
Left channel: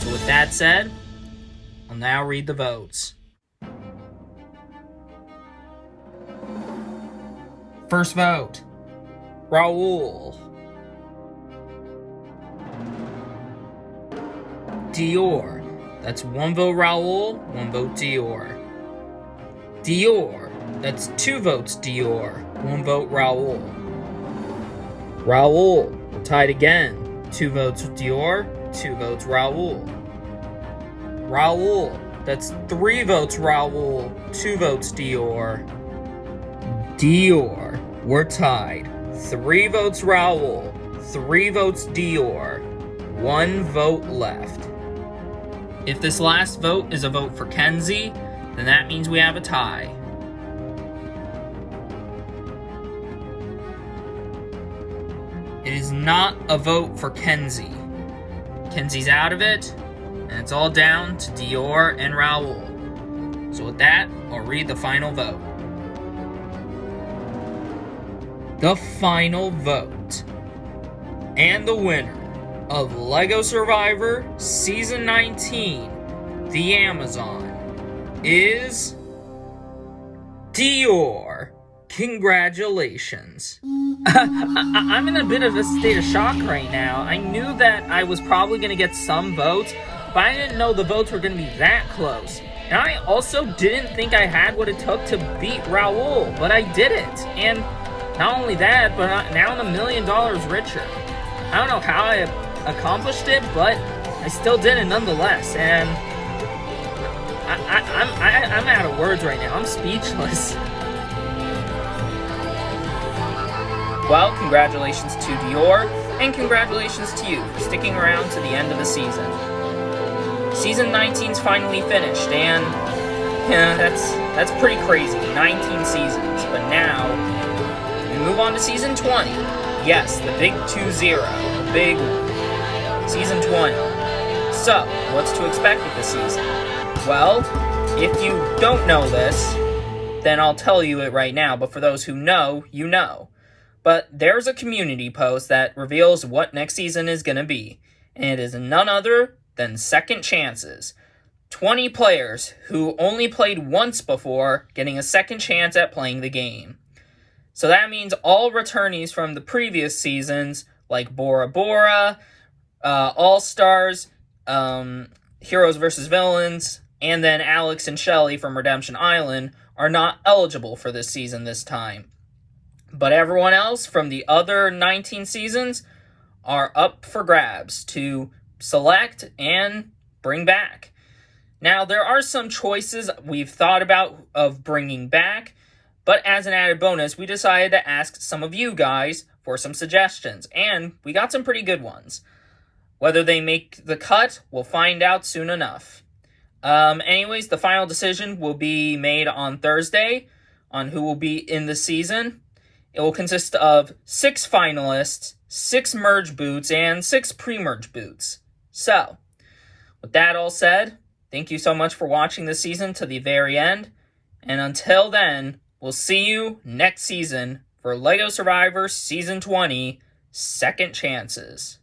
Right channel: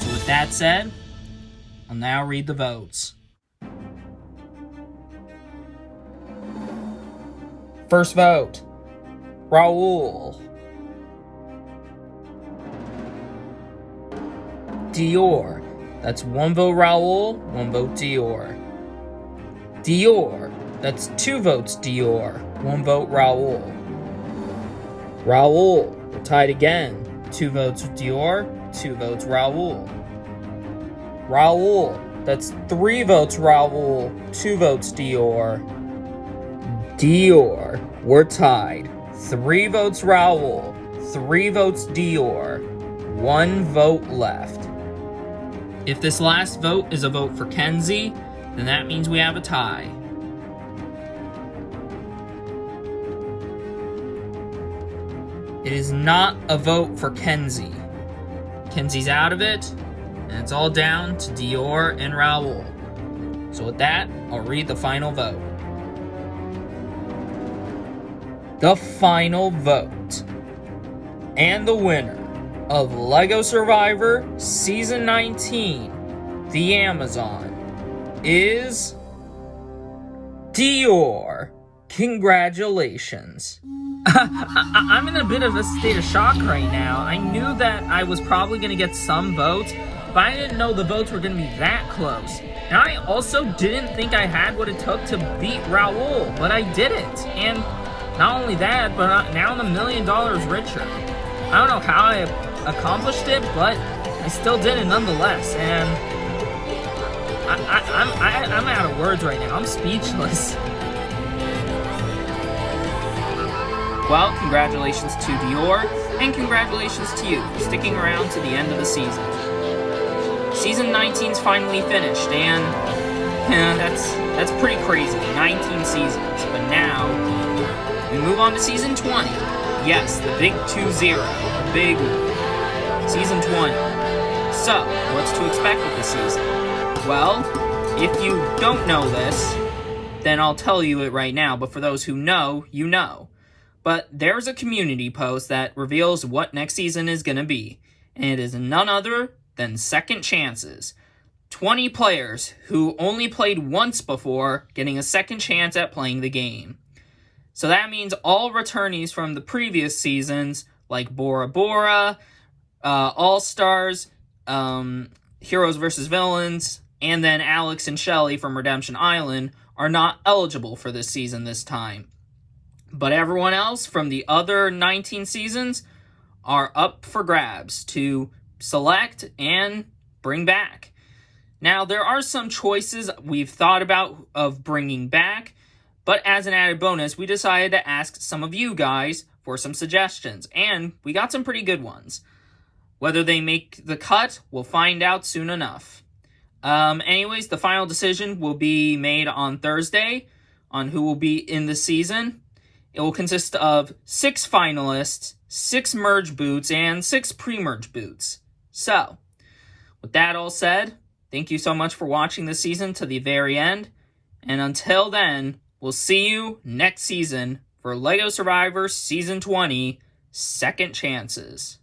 So with that said, I'll now read the votes. First vote, Raul. Dior. That's one vote Raul, one vote Dior. Dior. That's 2 votes Dior, 1 vote Raul. Raul, we're tied again. 2 votes Dior, 2 votes Raul. Raul, that's 3 votes Raul, 2 votes Dior. Dior, we're tied. 3 votes Raul, 3 votes Dior, 1 vote left. If this last vote is a vote for Kenzie, then that means we have a tie. It is not a vote for Kenzie. Kenzie's out of it, and it's all down to Dior and Raul. So with that, I'll read the final vote. The final vote. And the winner of LEGO Survivor Season 19, the Amazon, is Dior. Congratulations. I'm in a bit of a state of shock right now. I knew that I was probably going to get some votes, but I didn't know the votes were going to be that close. And I also didn't think I had what it took to beat Raul, but I did it. And not only that, but now I'm $1 million richer. I don't know how I accomplished it, but I still did it nonetheless. And I'm out of words right now. I'm speechless. Well, congratulations to Dior, and congratulations to you for sticking around to the end of the season. Season 19's finally finished, and that's pretty crazy. 19 seasons, but now we move on to Season 20. Yes, the big 2-0, the big Season 20. So, what's to expect with this season? Well, if you don't know this, then I'll tell you it right now, but for those who know, you know. But there's a community post that reveals what next season is going to be, and it is none other than second chances. 20 players who only played once before getting a second chance at playing the game. So that means all returnees from the previous seasons, like Bora Bora, All-Stars, Heroes vs. Villains, and then Alex and Shelly from Redemption Island, are not eligible for this season this time. But everyone else from the other 19 seasons are up for grabs to select and bring back. Now, there are some choices we've thought about of bringing back, but as an added bonus, we decided to ask some of you guys for some suggestions, and we got some pretty good ones. Whether they make the cut, we'll find out soon enough. Anyways, the final decision will be made on Thursday on who will be in the season. It will consist of 6 finalists, 6 merge boots, and 6 pre-merge boots. So, with that all said, thank you so much for watching this season to the very end. And until then, we'll see you next season for LEGO Survivor Season 20, Second Chances.